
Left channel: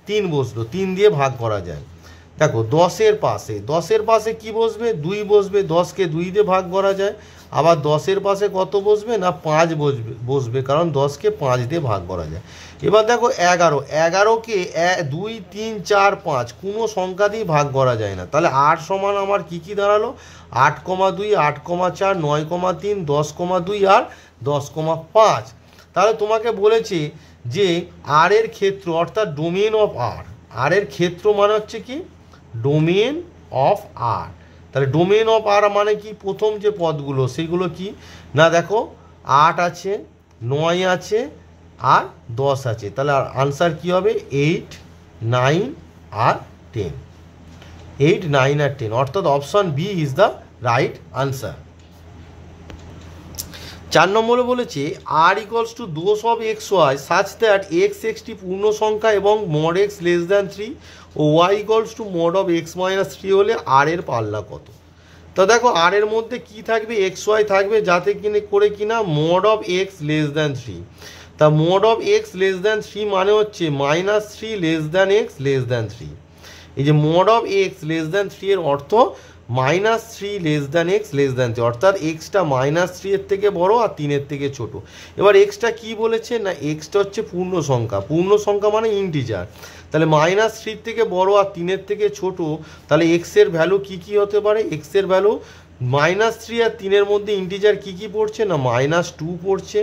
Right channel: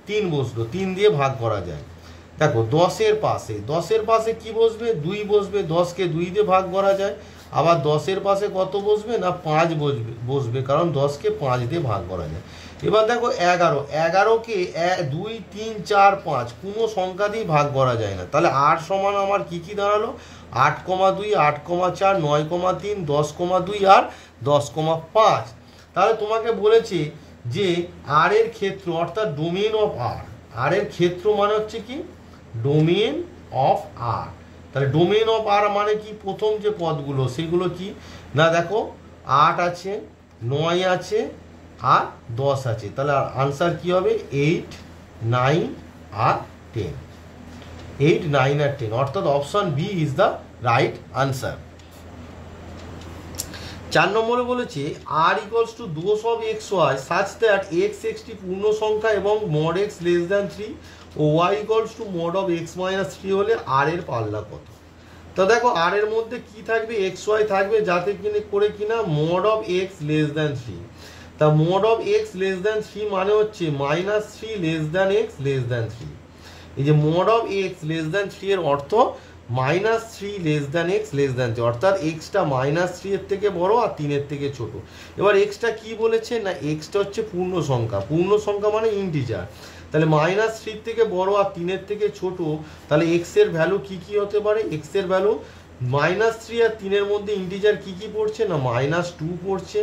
3 বসলো, 3 দিয়ে ভাগ করা যায়। দেখো 10-এর পাশে কি বসবে 2 বসবে, 10কে 2 দিয়ে ভাগ করা যায়। আবার 10-এর পাশে কত বসবে না 5 বসবে, কারণ 10কে 5 দিয়ে ভাগ করা যায়। এবার দেখো 11কে 2 3 4 5 কোনো সংখ্যা দিয়ে ভাগ করা যায় না, তাহলে 8 সমান আমার কি দাঁড়ালো 8,2 8,4 9,3 10,2 আর 10,5। তাহলে তোমাকে বলেছে যে আর এর ক্ষেত্র অর্থাৎ ডোমেন অফ আর এর ক্ষেত্র মানে হচ্ছে কি ডোমেন অফ আর। তাহলে ডোমেন অফ আর মানে কি, প্রথম যে পদগুলো সেগুলো কি না, দেখো 8 আছে 9 আছে আর 10 আছে, তাহলে আনসার কি হবে 8 9 আর 10, 8 9 আর 10, অর্থাৎ option B is the right answer. 4 নম্বরে বলেছে R equals to those of x y such that x একটি পূর্ণ সংখ্যা এবং মড এক্স লেস দ্যান 3 ও y equals to mod of x minus 3 হলে আর এর পাল্লা কত। তো দেখো আর এর মধ্যে কি থাকবে এক্স ওয়াই থাকবে, যাতে করে কিনা mod of x less than 3, তা mod of x less than 3 মানে হচ্ছে -3 less than x less than 3। এই যে mod of x less than 3 এর অর্থ -3 less than x less than 3, অর্থাৎ এক্সটা -3 এর থেকে বড় আর 3 এর থেকে ছোট। এবার এক্সটা কি বলেছে না, এক্সটা হচ্ছে পূর্ণ সংখ্যা মানে ইন্টিজার, তাহলে -3 থেকে বড় আর 3 এর থেকে ছোট, তাহলে এক্স এর ভ্যালু কি হতে পারে, এক্স এর ভ্যালু -3 আর 3 এর মধ্যে ইন্টিজার কি পড়ছে না -2 পড়ছে,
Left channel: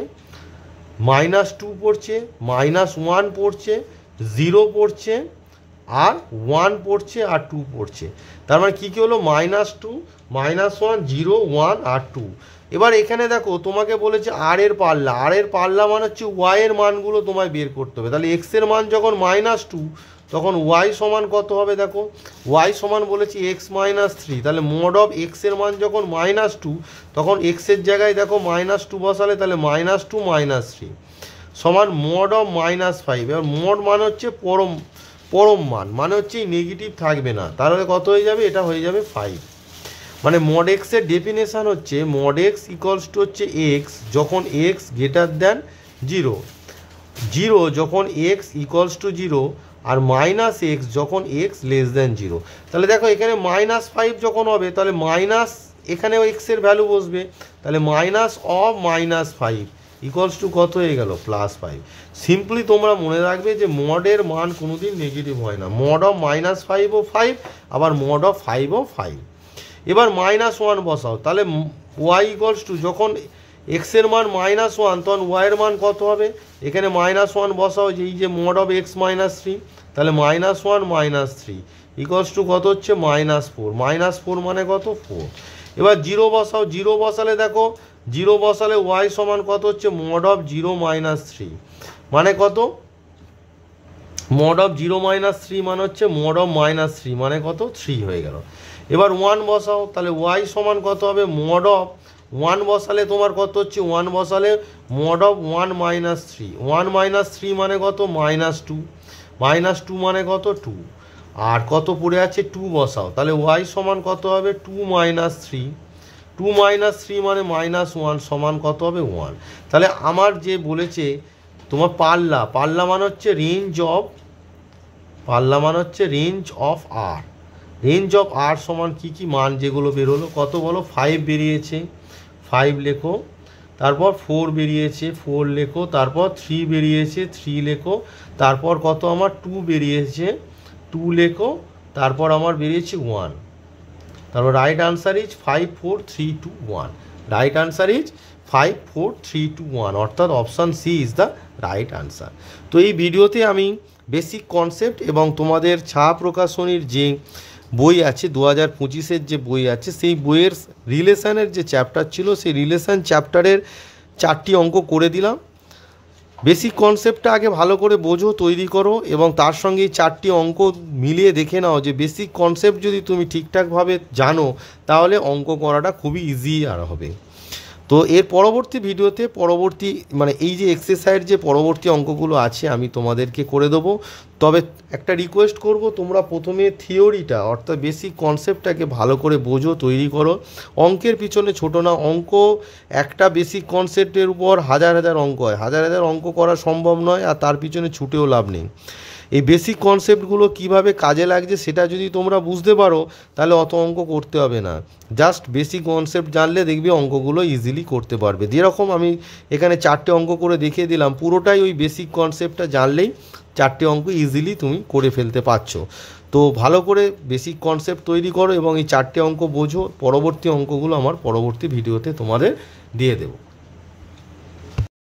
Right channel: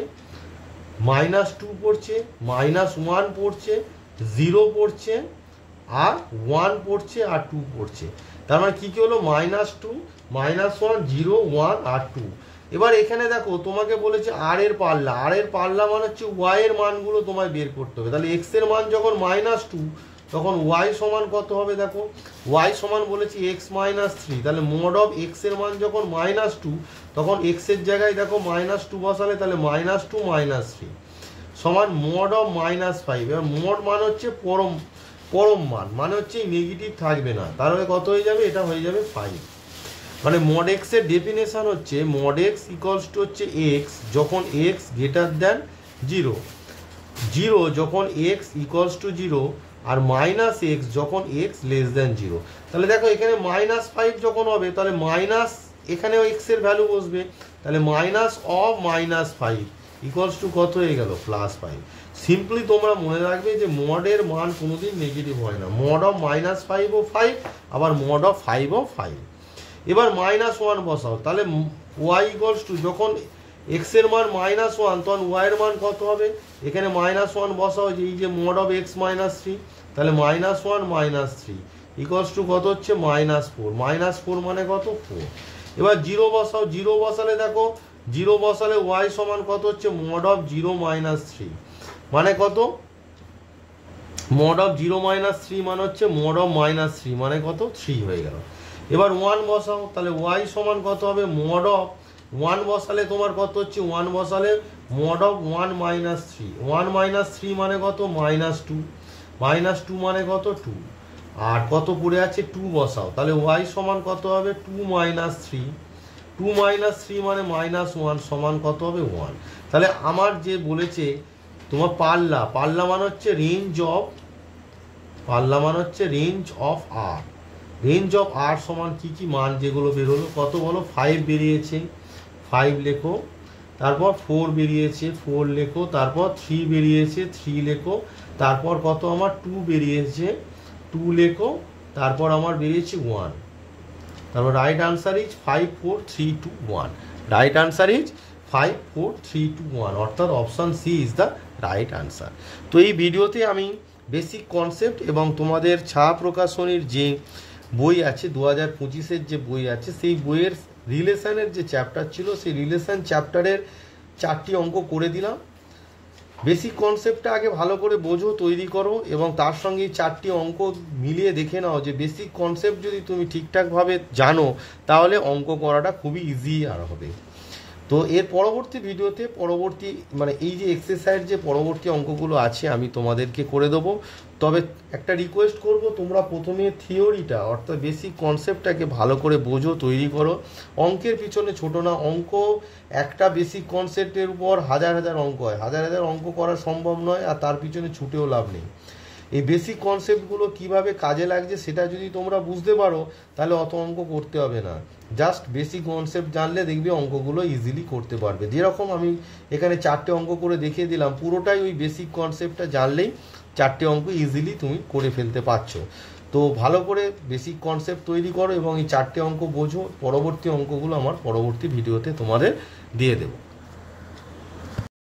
-2 পড়ছে, -1 পড়ছে, 0 পড়ছে আর 1 পড়ছে আর 2 পড়ছে, তার মানে কি হলো -2 -1 0 1 আর 2। এবার এখানে দেখো তোমাকে বলেছে আর এর পাল্লা মানে হচ্ছে ওয়াই এর মানগুলো তোমায় বের করতে হবে। তাহলে এক্স এর মান যখন -2 তখন ওয়াই সমান কত হবে, দেখো ওয়াই সমান বলেছি এক্স -3, তাহলে মোড অফ এক্স এর মান যখন -2 তখন এক্স এর জায়গায় দেখো -2 বসালে, তাহলে -2 -3 সমান মোড অফ -5। এবার মোড মানে হচ্ছে পরম মান, মানে হচ্ছে নেগেটিভ থাকবে না, তাহলে কত হয়ে যাবে, এটা হয়ে যাবে 5। মানে মড এক্স এর ডেফিনেশন হচ্ছে মড এক্স ইকুয়ালস টু হচ্ছে এক্স যখন এক্স গ্রেটার দ্যান 0 যখন এক্স ইকুয়ালস টু 0 আর -x যখন এক্স লেস দ্যান 0। তাহলে দেখো এখানে -5 যখন হবে তাহলে এখানে এক্স এর ভ্যালু বসবে, তাহলে -5 ইকুয়ালস টু কত হয়ে গেল +5। সিম্পলি তোমরা মনে রাখবে যে মডের মান কোনোদিন নেগেটিভ হয় না, মড অফ -5 ও 5 আবার মড অফ 5 ও 5। এবার -1 বসাও, তাহলে ওয়াই ইকুয়ালস টু যখন এক্স এর মান -1 তখন ওয়াই এর মান কত হবে, এখানে -1 বসাও, যে এই যে মড অফ x -3, তাহলে -1 -3 ইকুয়ালস টু কত হচ্ছে -4 মানে কত 4। এবার 0 বসাও, 0 বসালে দেখো 0 বসালে ওয়াই সমান কত হচ্ছে মড অফ 0 -3 মানে কত, মড অফ 0 -3 মানে হচ্ছে মড অফ -3 মানে কত 3 হয়ে গেল। এবার 1 বসাও, তাহলে ওয়াই সমান কত হবে মড অফ 1 বসালে তোমার কত হচ্ছে, 1 বসালে mod of 1 minus 3, 1 minus 3 মানে কত, -2, -2 মানে কত 2, আর কত পড়ে আছে 2 বসাও, তাহলে y সমান কত হবে 2 minus 3, 2 minus 3 মানে -1 সমান কত হবে 1। তাহলে আমার যে বলেছে তোমার পাল্লা মানে হচ্ছে range of R, range of R সমান কি মান যেগুলো বেরোলো, কত বলো 5 বেরিয়েছে, 5 লেখো, তারপর 4 বেরিয়েছে 4 লেখো, তারপর 3 বেরিয়েছে 3 লেখো, তারপর কত আমার 2 বেরিয়েছে 2 লেখো, তারপর আমার বেরিয়েছে 1, তারপর right answer is 5 4 3 2 1, right answer is 5 4 3 2 1, অর্থাৎ option C is the right answer. তো এই ভিডিওতে আমি বেসিক কনসেপ্ট এবং তোমাদের ছা প্রকাশনীর যে বই আছে 2025-এর যে বই আছে সেই বইয়ের রিলেশনের যে চ্যাপ্টার ছিল সেই রিলেশন চ্যাপ্টারের 4টি অঙ্ক করে দিলাম। বেসিক কনসেপ্টটা আগে ভালো করে বোঝো, তৈরি করো, এবং তার সঙ্গে এই 4টি অঙ্ক মিলিয়ে দেখে নাও যে বেসিক কনসেপ্ট যদি তুমি ঠিকঠাকভাবে জানো তাহলে অঙ্ক করাটা খুবই ইজি আর হবে। তো এর পরবর্তী ভিডিওতে মানে এই যে এক্সারসাইজ যে পরবর্তী অঙ্কগুলো আছে আমি তোমাদেরকে করে দেবো। তবে একটা রিকোয়েস্ট করব, তোমরা প্রথমে থিওরিটা অর্থাৎ বেসিক কনসেপ্টটাকে ভালো করে বোঝো, তৈরি করো। অঙ্কের পিছনে ছোটো না, অঙ্ক একটা বেসিক কনসেপ্টের উপর হাজার অঙ্ক হয়, হাজার অঙ্ক করা সম্ভব নয়, আর তার পিছনে ছুটেও লাভ নেই। এই বেসিক কনসেপ্টগুলো কিভাবে কাজে লাগছে সেটা যদি তোমরা বুঝতে পারো তাহলে অত অঙ্ক করতে হবে না, জাস্ট বেসিক কনসেপ্ট জানলে দেখবে অঙ্কগুলো ইজিলি করতে পারবে। যেরকম আমি এখানে 4টে অঙ্ক করে দেখিয়ে দিলাম, পুরোটাই ওই বেসিক কনসেপ্টটা জানলেই 4টে অঙ্ক ইজিলি তুমি করে ফেলতে পারছো। তো ভালো করে বেসিক কনসেপ্ট তৈরি করো এবং এই 4টে অঙ্ক বোঝো, পরবর্তী অঙ্কগুলো আমার পরবর্তী ভিডিওতে তোমাদের দিয়ে দেবো।